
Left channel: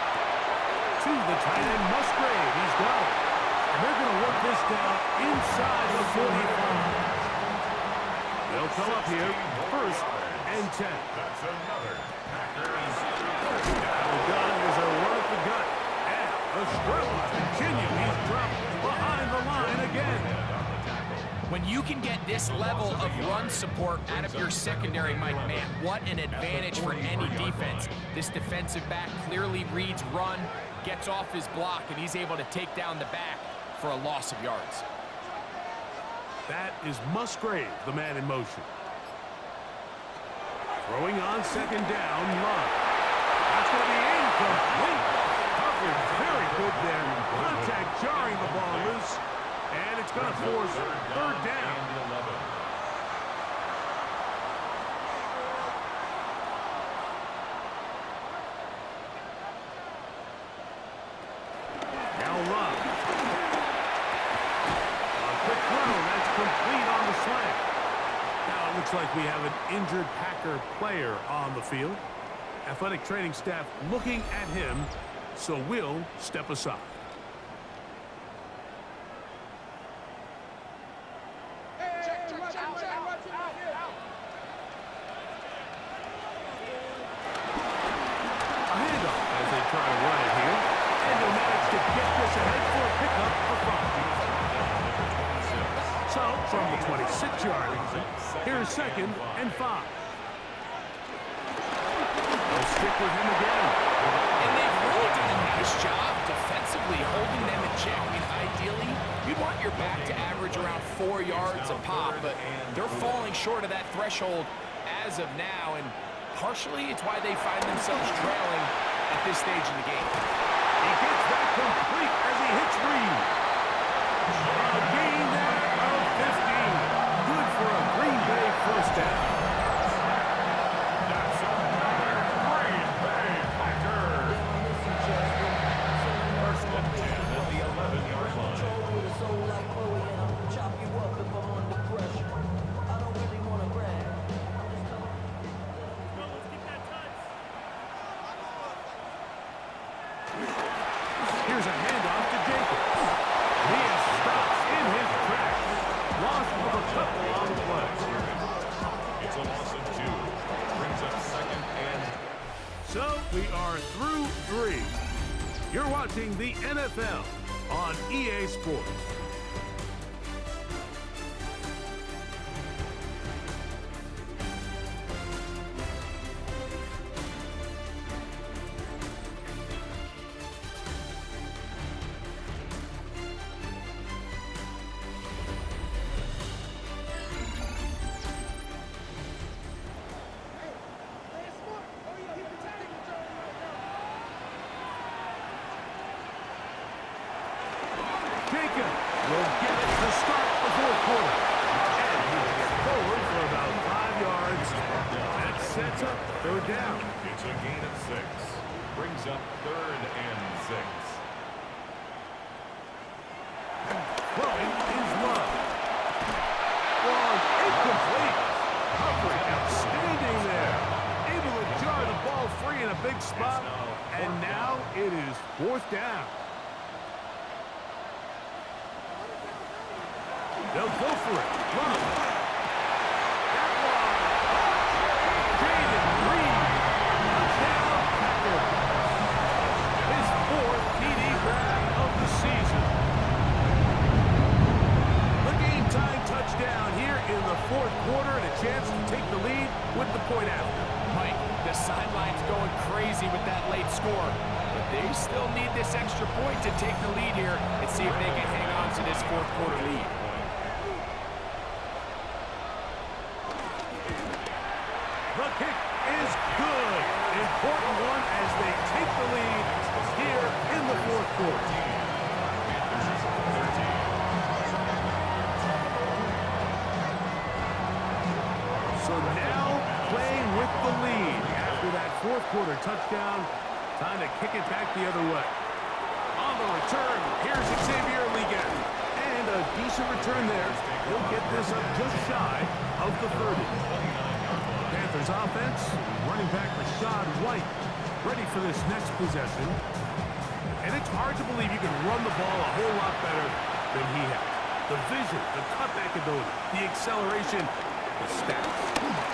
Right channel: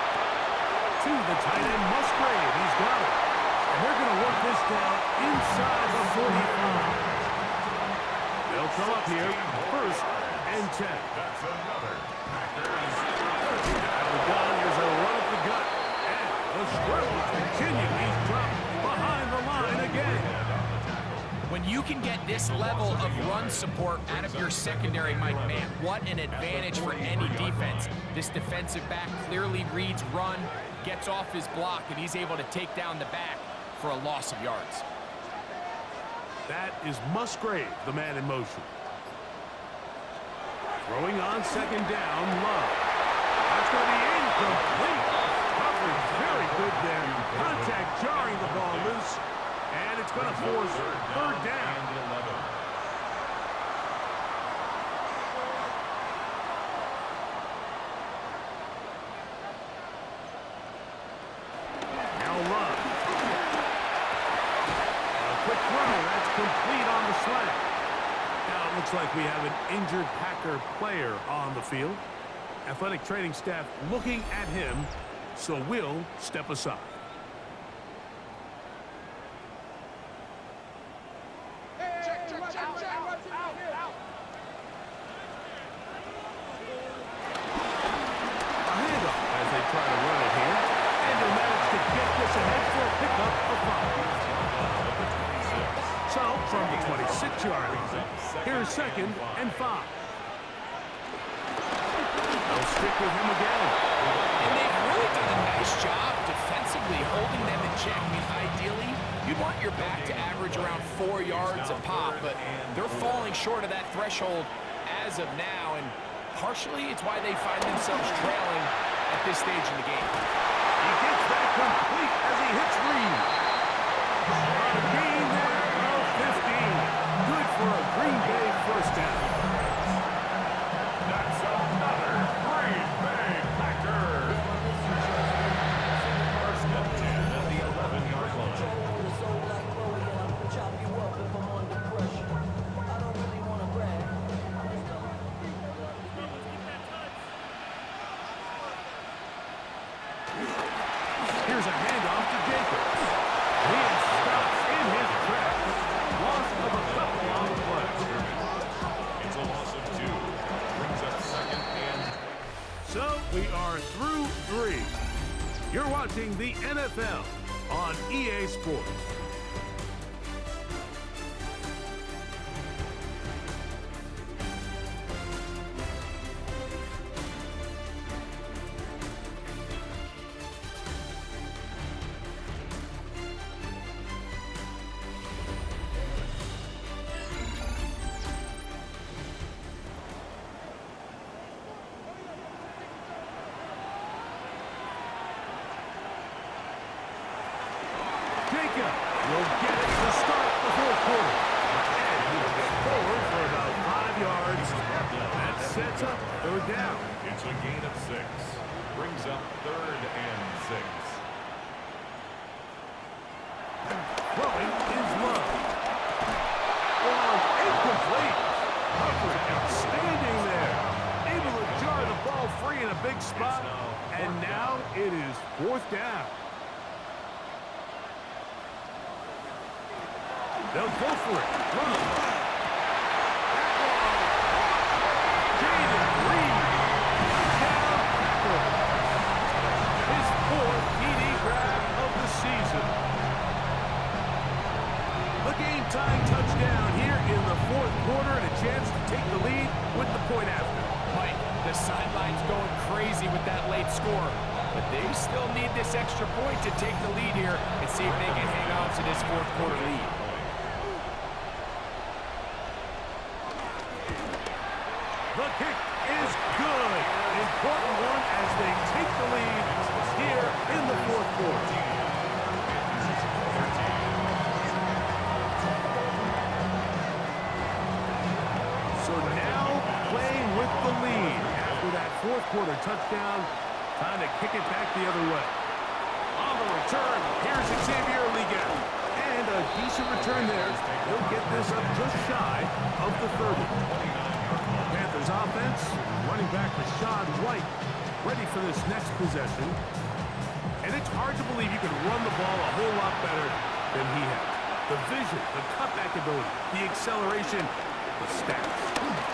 To the tight end, Musgrave. He's got it. And they're going to work this down inside the 45. They'll come up here. 1st and 10. That's another Packers. Out of the gun. Here's a run at the gut. And the struggles continue. He's dropped behind the line again. When you can get this level of run support out of your secondary, Mike, man, what an advantage for any defense. This defensive back clearly reads run, gets off his block, and he's able to take down the back for a loss of yards. That is Musgrave, the man in motion. Throwing on 2nd down, Love. That's going to be incomplete. Coverage very good there. Contact jarring the ball loose. And it's going to force 3rd down. Now Love. A quick throw. That's complete on the slant. Now it looks like we have an injured Packer player on the field. Athletic training staff looking at him, so we'll step aside. Try to run it here, and they'll manage to get this ahead for a pickup of 5. So, from the 26-yard line, here's 2nd and 5. They'll stick with him again. And they've really done a nice job defensively holding them in check. I mean, ideally, you'd want your back to average around 4 yards a pop, but they're falling short of that threshold as of now, and partially it's why they find themselves trailing at this stage in the game. He gets that complete as he hits Reed. A gain there of 15. Good for a Green Bay first down. That's another Green Bay Packer. First and 10 at the 11-yard line. Here's a handoff to Jacobs. He is stopped in his tracks. Loss of a couple on the play. It's a loss of 2. Brings up second and... So we are through 3. You're watching the NFL on EA Sports. Jacob will get it to start the fourth quarter. And he will get forward for about 5 yards. That sets up third down. It's a gain of 6. Brings up third and 6. Throwing is Love. Long incomplete. Coverage outstanding there. Able to jar the ball free in a big spot. And now it is fourth down. They'll go for it. Love. That one. Jaden Reed. Touchdown, Packers. His 4th TD grab of the season. The game-tying touchdown here in the fourth quarter and a chance to take the lead with the point after. Mike, the sideline's going crazy with that late score, but they still need this extra point to take the lead here and see if they can hang on to this fourth quarter lead. The kick is good. Important one as they take the lead here in the fourth quarter. So now playing with the lead after that fourth quarter touchdown. Time to kick it back the other way. On the return, here's Xavier Liga. And a decent return there. He'll get this up just shy of the 30. Panthers offense, running back Rashad White, ready for this next possession. And it's hard to believe you can run the ball a whole lot better than he has. The vision, the cutback ability, the acceleration, the stats.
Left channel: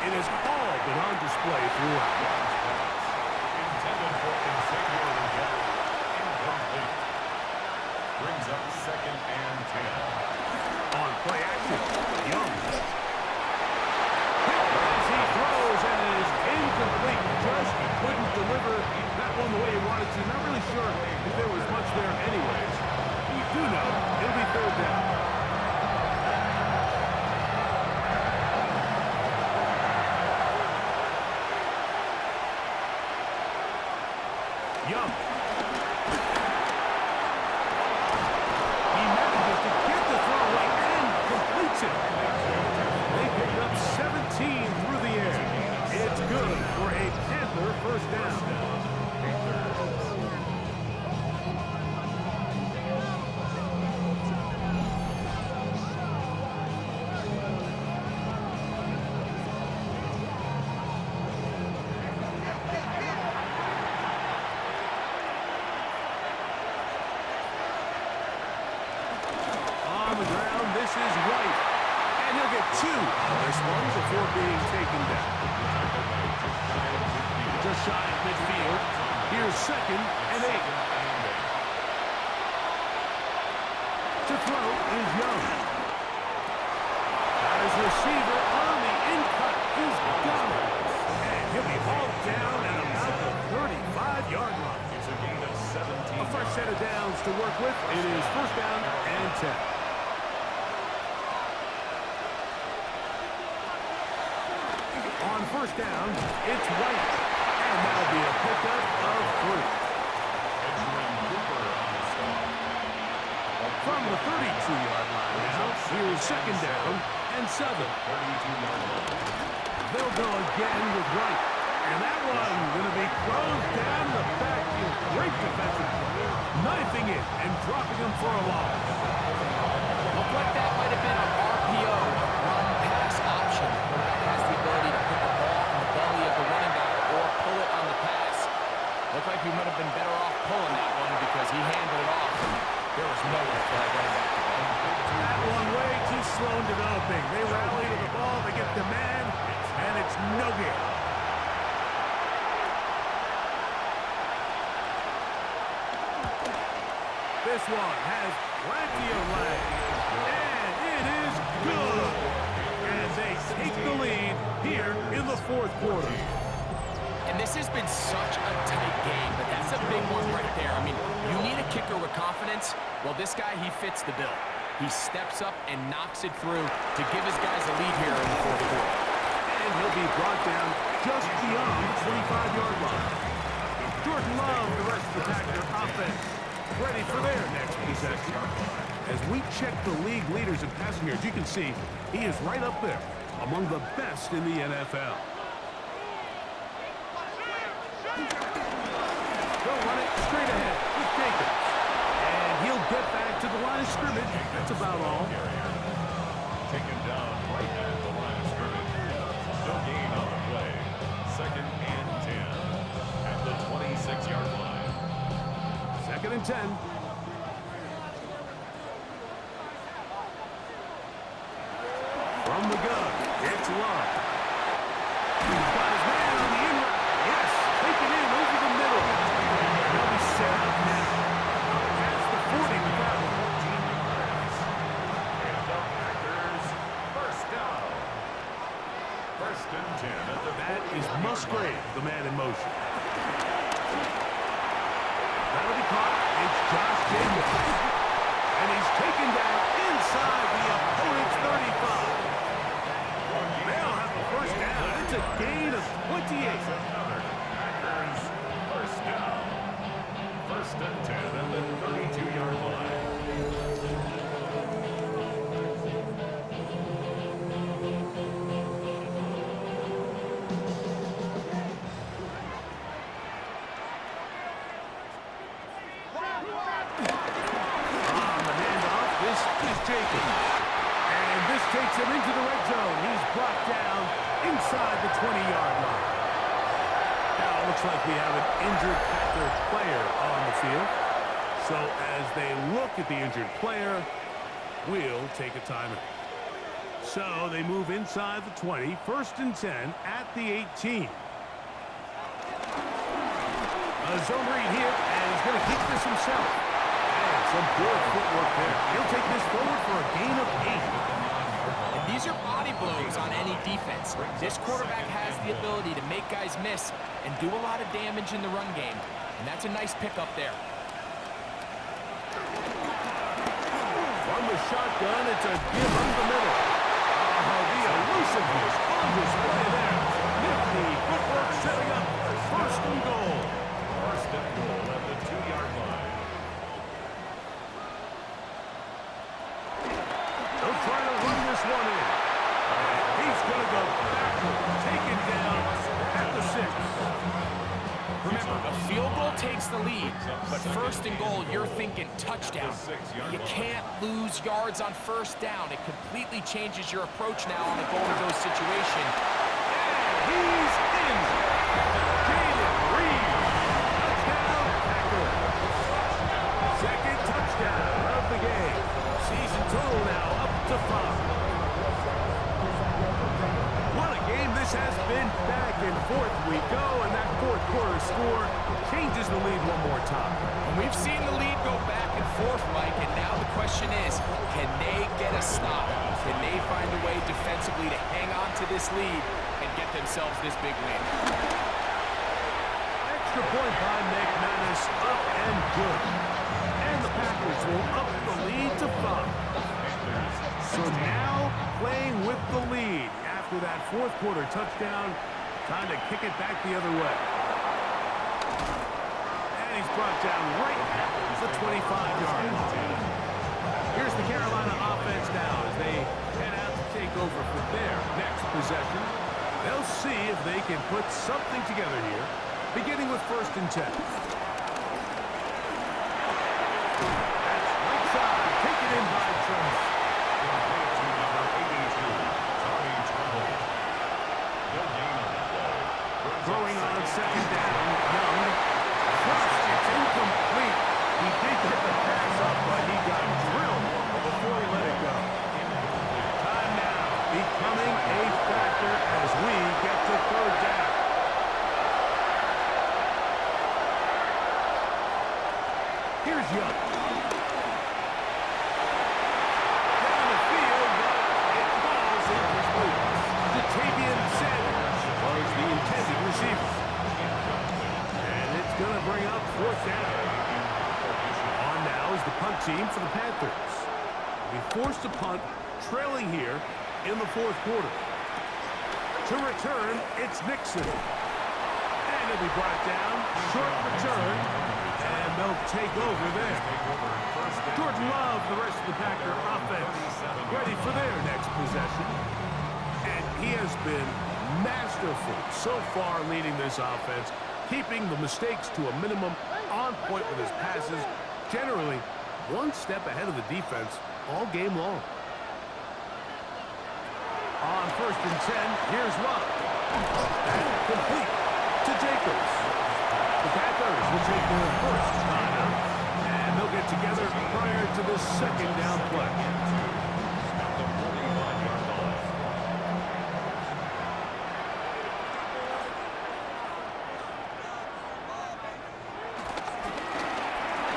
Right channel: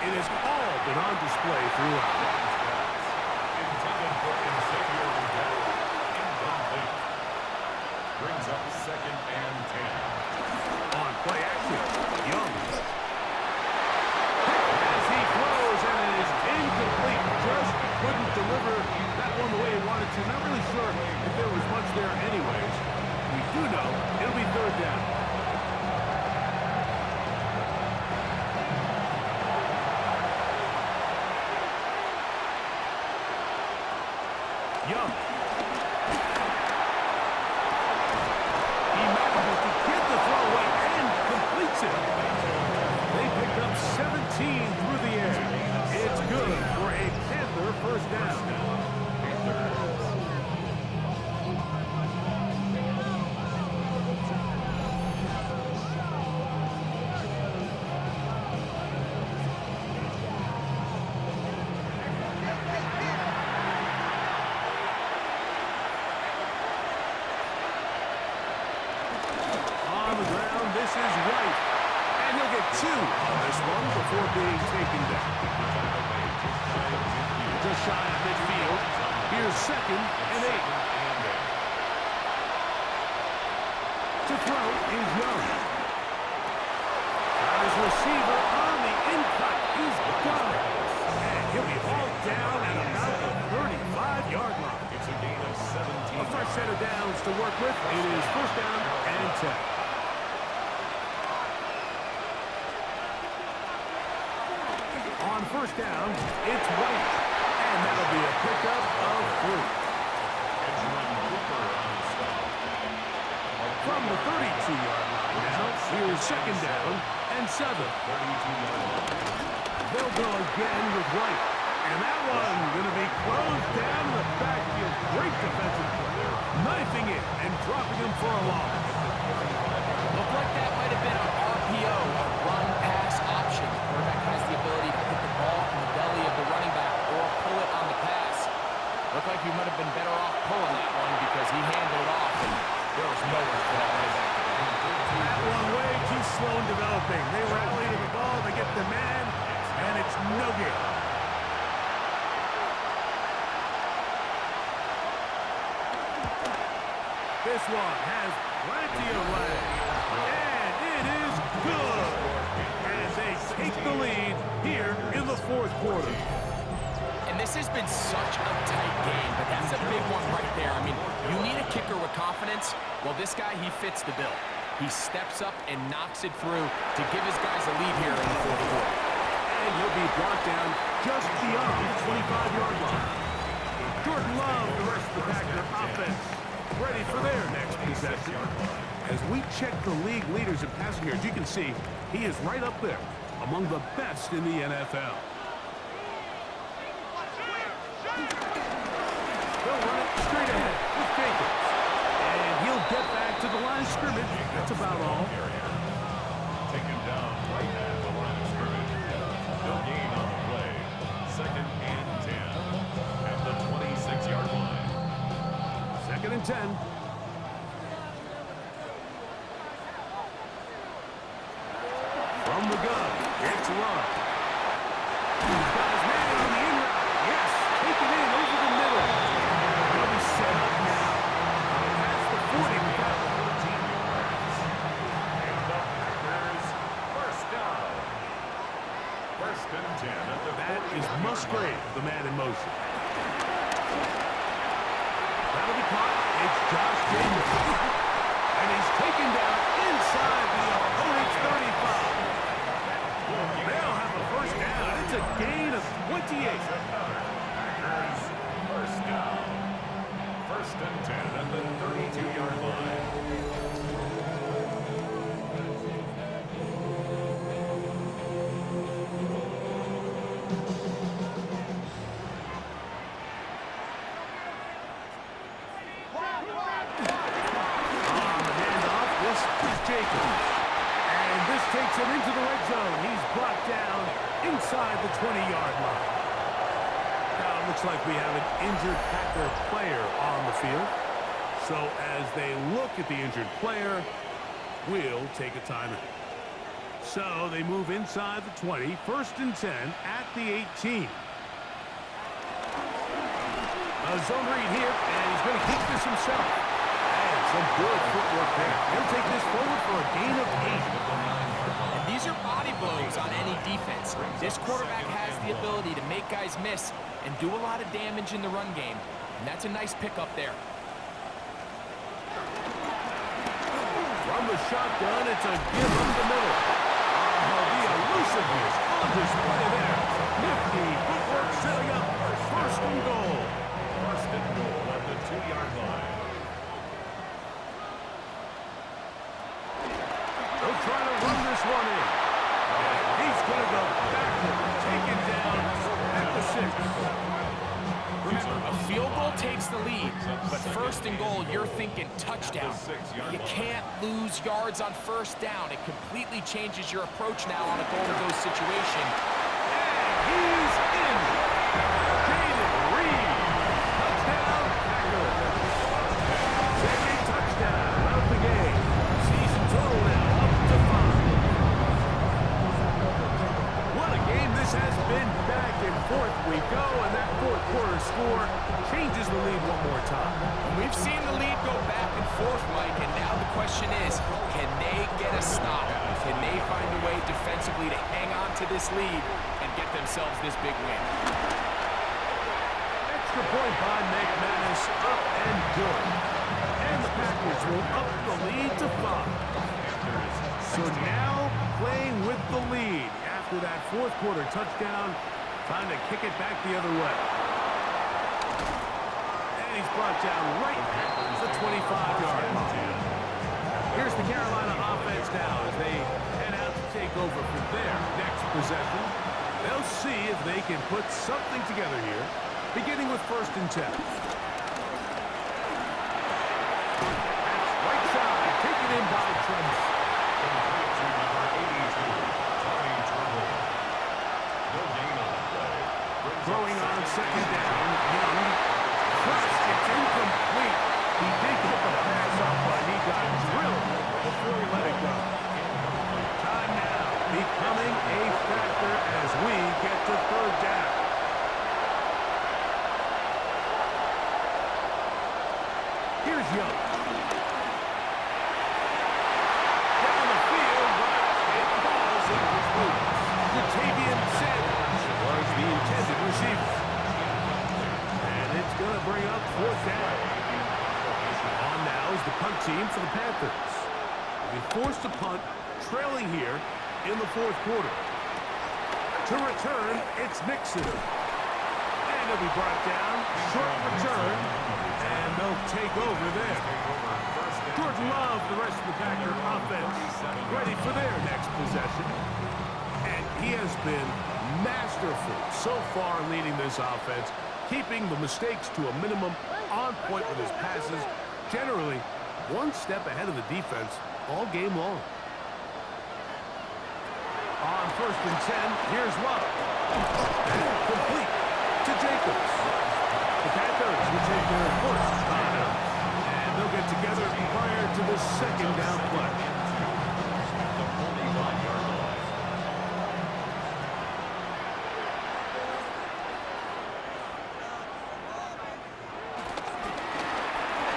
It has all been on display throughout. Intended for Xavier Liga. Incomplete. Brings up second and 10. On play action, Young. As he throws, and it is incomplete. Just couldn't deliver that one the way he wanted to. Not really sure if there was much there anyways. We do know it'll be third down. Young. He manages to get the throw away and completes it. They picked up 17 through the air. It's good for a Panther first down. On the ground, this is White. And he'll get 2 on this one before being taken down. Just shy of midfield. Here's second and 8. To throw is Young. Got his receiver on the in-cut. He's got it. And he'll be hauled down at about the 35-yard line. It's a gain of 17 A fresh set of downs to work with. It is first down and 10. On first down, it's White. And that'll be a pickup of 3. From the 32-yard line now, here's second down and 7. They'll go again with White. And that one going to be closed down the backfield. Great defensive play. Knifing it and dropping him for a loss. Looked like that might have been an RPO, a run-pass option. The quarterback has the ability to put the ball in the belly of the running back or pull it on the pass. Looked like he might have been better off pulling that one because he handed it off, and there was nowhere for that running back to go. That one way too slow in developing. They rally to the ball, they get the man, and it's no good. This one has plenty of leg, and it is good. And they take the lead here in the fourth quarter. And this has been such a tight game, but that's a big one right there. I mean, you need a kicker with confidence. Well, this guy, he fits the bill. He steps up and knocks it through to give his guys a lead here in the fourth quarter. And he'll be brought down just beyond the 25-yard line. Jordan Love, the rest of the Packer offense, ready for their next possession. As we check the league leaders in passing yards, you can see he is right up there among the best in the NFL. They'll run it straight ahead with Jacobs. And he'll get back to the line of scrimmage. That's about all. Taken down right at the line of scrimmage. No gain on the play. Second and 10 at the 26-yard line. Second and 10. From the gun, it's Love. He's got his man on the in route. Yes, taken in over the middle. They'll be set up now. Past the 40 with that one. 14 yards. And the Packers first down. First and 10 at the That is Musgrave, the man in motion. That'll be caught. It's Josh Jacobs. And he's taken down inside the opponent's 35. They'll have the first down. It's a gain of 28. Another Packers first down. First and 10 at the 32-yard line. On the handoff, this is Jacobs. And this takes him into the red zone. He's brought down inside the 20-yard line. Now it looks like we have an injured Packer player on the field. So as they look at the injured player, we'll take a timeout. So they move inside the 20, first and 10 at the 18. A zone read here, and he's going to keep this himself. And some good footwork there. He'll take this forward for a gain of 8. And these are body blows on any defense. This quarterback has the ability to make guys miss and do a lot of damage in the run game. And that's a nice pickup there. From the shotgun, it's a give up the middle. Oh, the elusiveness on display there. Nifty footwork setting up first and goal. First and goal at the 2-yard line. They'll try to run this one in. And he's going to go backward, taken down at the 6. Remember, a field goal takes the lead, but first and goal, you're thinking touchdown. You can't lose yards on first down. It completely changes your approach now on a goal-to-go situation. And he's in. Jaden Reed. Touchdown, Packers. Second touchdown of the game. Season total now up to 5. What a game this This has been back and forth we go, and that fourth quarter score changes the lead one more time. And we've seen the lead go back and forth, Mike, and now the question is, can they get a stop? Can they find a way defensively to hang on to this lead and get themselves this big win? Extra point by McManus, up and good. And the Packers will up the lead to 5. So now playing with the lead after that fourth quarter touchdown, time to kick it back the other way. And he's brought down right at the 25-yard line. Here's the Carolina offense now as they head out to take over for their next possession. They'll see if they can put something together here, beginning with 1st and 10. That's right side, taken in by Tremble. Complete to number 82, Tommy Tremble. No gain on the play. Throwing on 2nd down, Young. Crushed, it's incomplete. He did get the pass up, but he got drilled before he let it go. Time now becoming a factor as we get to 3rd down. Here's Young. Down the field, but it falls incomplete. Jatavian Sanders was the intended receiver. And it's going to bring up 4th down. On now is the punt team for the Panthers. They'll be forced to punt, trailing here in the 4th quarter. To return, it's Nixon. And he'll be brought down. Short return. And they'll take over there. Jordan Love, the rest of the Packer offense, ready for their next possession. And he has been masterful so far leading this offense, keeping the mistakes to a minimum, on point with his passes, generally one step ahead of the defense all game long. On 1st and 10, here's Love. And complete to Jacobs. The Panthers will take their 1st timeout, and they'll get together prior to the 2nd down play. The 45-yard line.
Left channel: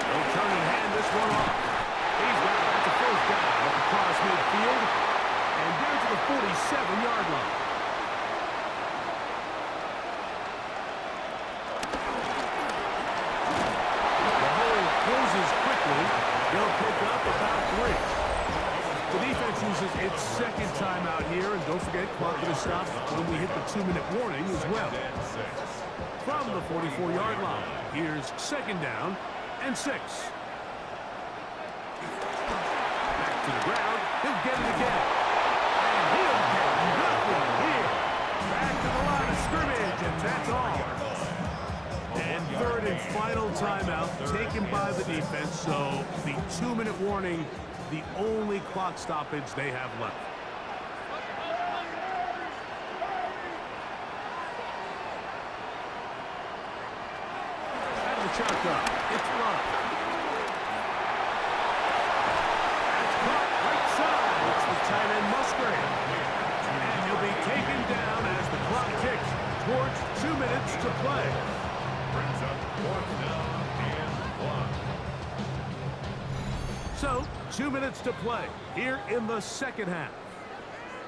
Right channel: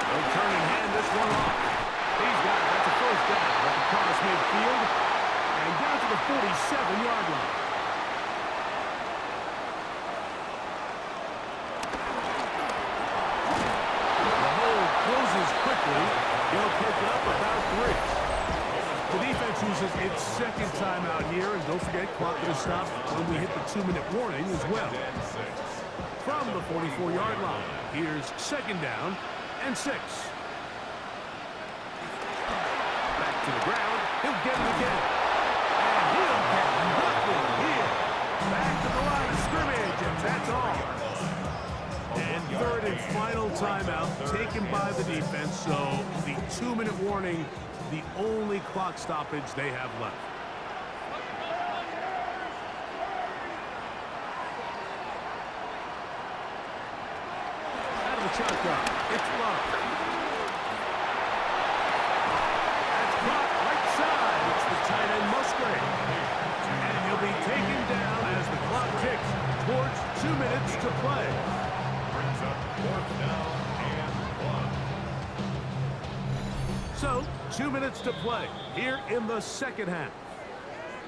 They'll turn and hand this one off. He's got it. That's a 1st down at the cross midfield and down to the 47-yard line. The hole closes quickly. He'll pick up about 3. The defense uses its 2nd timeout here, and don't forget, clock going to stop when we hit the 2-minute warning as well. From the 44-yard line, here's 2nd down and 6. Back to the ground. He'll get it again. And he'll get nothing here. Back to the line of scrimmage, and that's all. And 3rd and final timeout taken by the defense, so the 2-minute warning, the only clock stoppage they have left. Out of the shotgun, it's Love. That's caught right side. It's the tight end Musgrave. And he'll be taken down as the clock ticks towards 2 minutes to play. Brings up 4th down and 1. So, 2 minutes to play here in the 2nd half.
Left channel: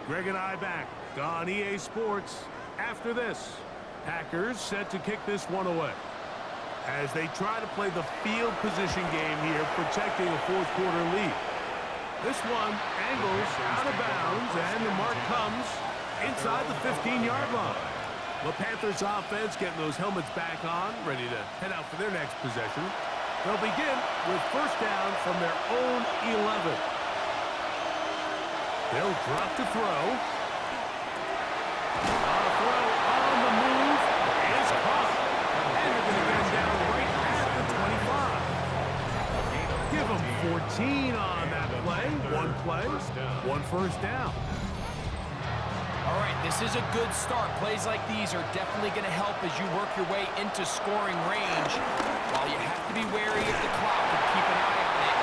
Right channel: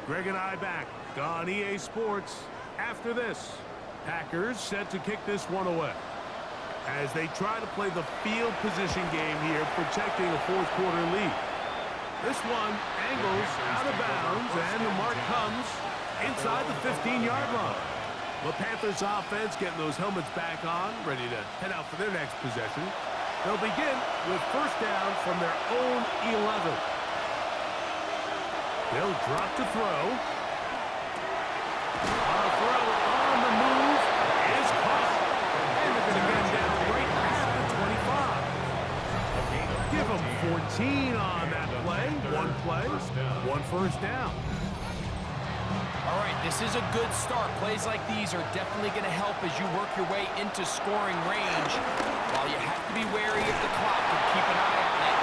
Greg and I back on EA Sports after this. Packers set to kick this one away as they try to play the field position game here, protecting a 4th quarter lead. This one angles out of bounds, and the mark comes inside the 15-yard line. The Panthers offense getting those helmets back on, ready to head out for their next possession. They'll begin with 1st down from their own 11. They'll drop to throw. A throw on the move is caught. And they're going to get him down right at the 25. Give them 14 on that play. One play, 1 1st down. All right, this is a good start. Plays like these are definitely going to help as you work your way into scoring range. While you have to be wary of the clock and keep an eye on it,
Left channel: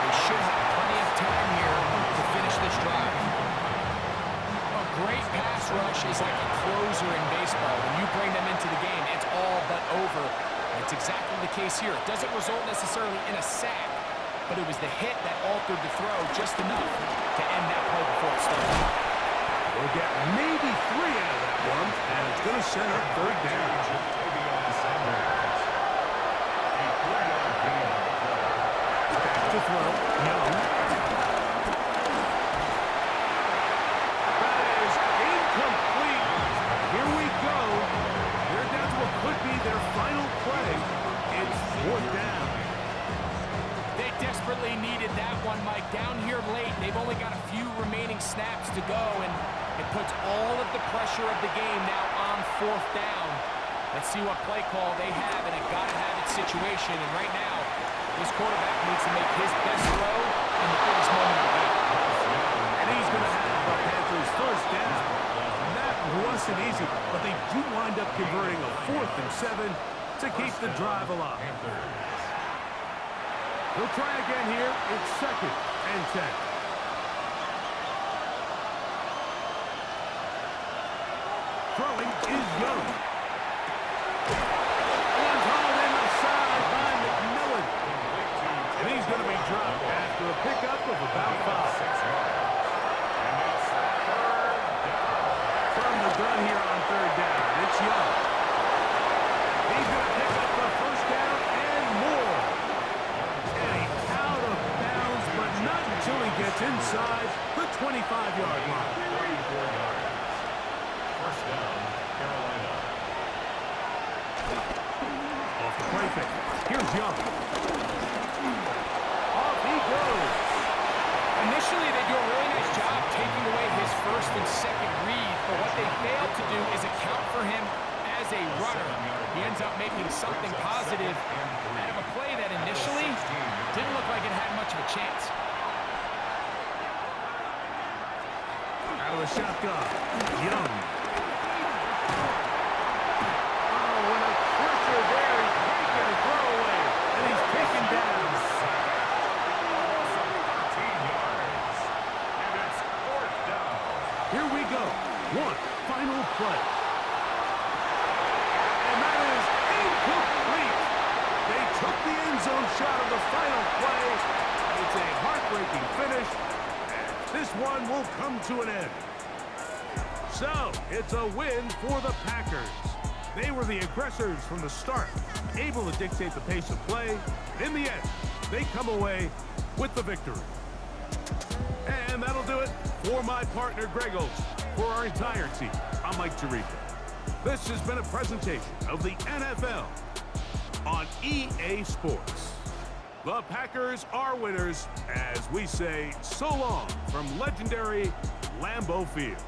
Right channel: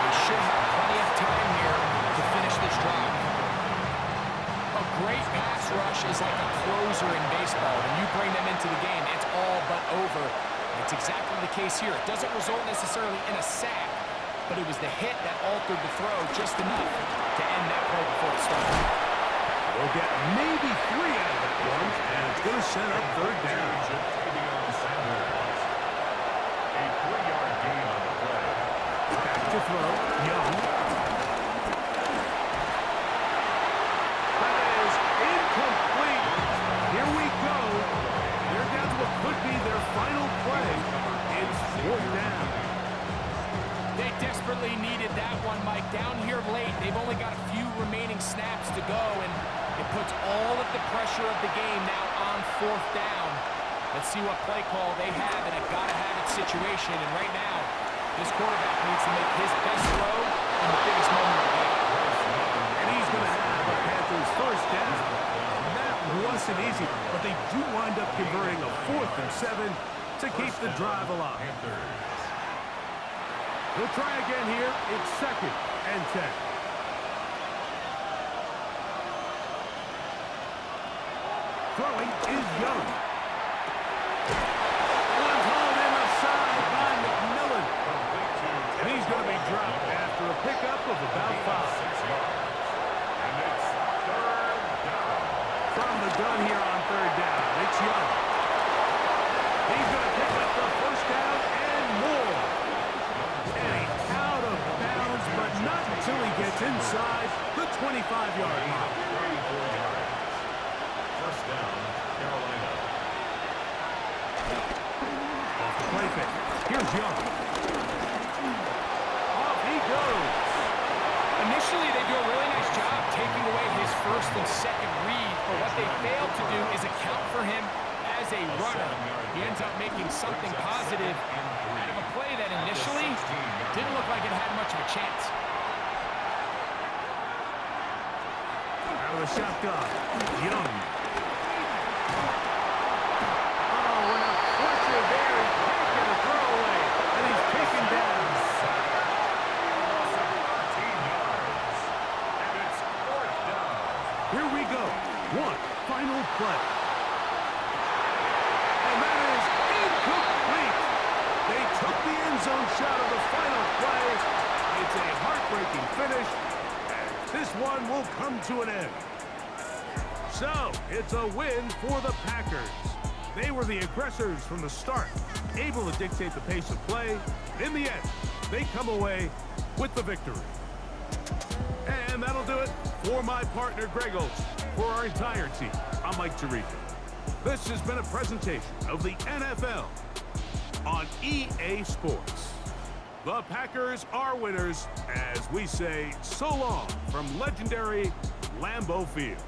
they should have plenty of time here to finish this drive. A great pass rush is like a closer in baseball. When you bring them into the game, it's all but over. It's exactly the case here. It doesn't result necessarily in a sack, but it was the hit that altered the throw just enough to end that play before it started. We'll get maybe 3 out of that one, and it's going to set up third down. A 3-yard gain on the play. Back to throw, Young. That is incomplete. Here we go. They're down to what could be their final play. It's 4th down. They desperately needed that one, Mike. Down here late, they've only got a few remaining snaps to go, and it puts all of the pressure of the game now on 4th down. Let's see what play call they have in a gotta-have-it situation. And right now, this quarterback needs to make his best throw in the biggest moment of the game. And he's going to have a Panthers first down. That wasn't easy, but they do wind up converting a 4th and 7 to keep the drive alive. He'll try again here. It's 2nd and 10. Throwing is Young. One's hauled in the side by McMillan. And he's going to be dropped after a pickup of about 5. And it's 3rd down. From the gun here on 3rd down, it's Young. He's going to pick up the first down and more. And he's out of bounds, but not until he gets inside the 25-yard line. 34 yards. First down, Carolina. Off the play fake. Here's Young. Off he goes. Initially, they do a really nice job taking away his 1st and 2nd read, but what they failed to do is account for him as a runner. He ends up making something positive out of a play that initially didn't look like it had much of a chance. Out of the shotgun, Young. Oh, and a pressure there. He can't get a throwaway, and he's taken down. 13 yards. And it's 4th down. Here we go. One final play. And that is incomplete. They took the end zone shot of the final play. It's a heartbreaking finish, and this one will come to an end. So, it's a win for the Packers. They were the aggressors from the start, able to dictate the pace of play. In the end, they come away with the victory. And that'll do it for my partner, Greg Olson. For our entire team, I'm Mike Tirico. This has been a presentation of the NFL on EA Sports. The Packers are winners as we say so long from legendary Lambeau Field.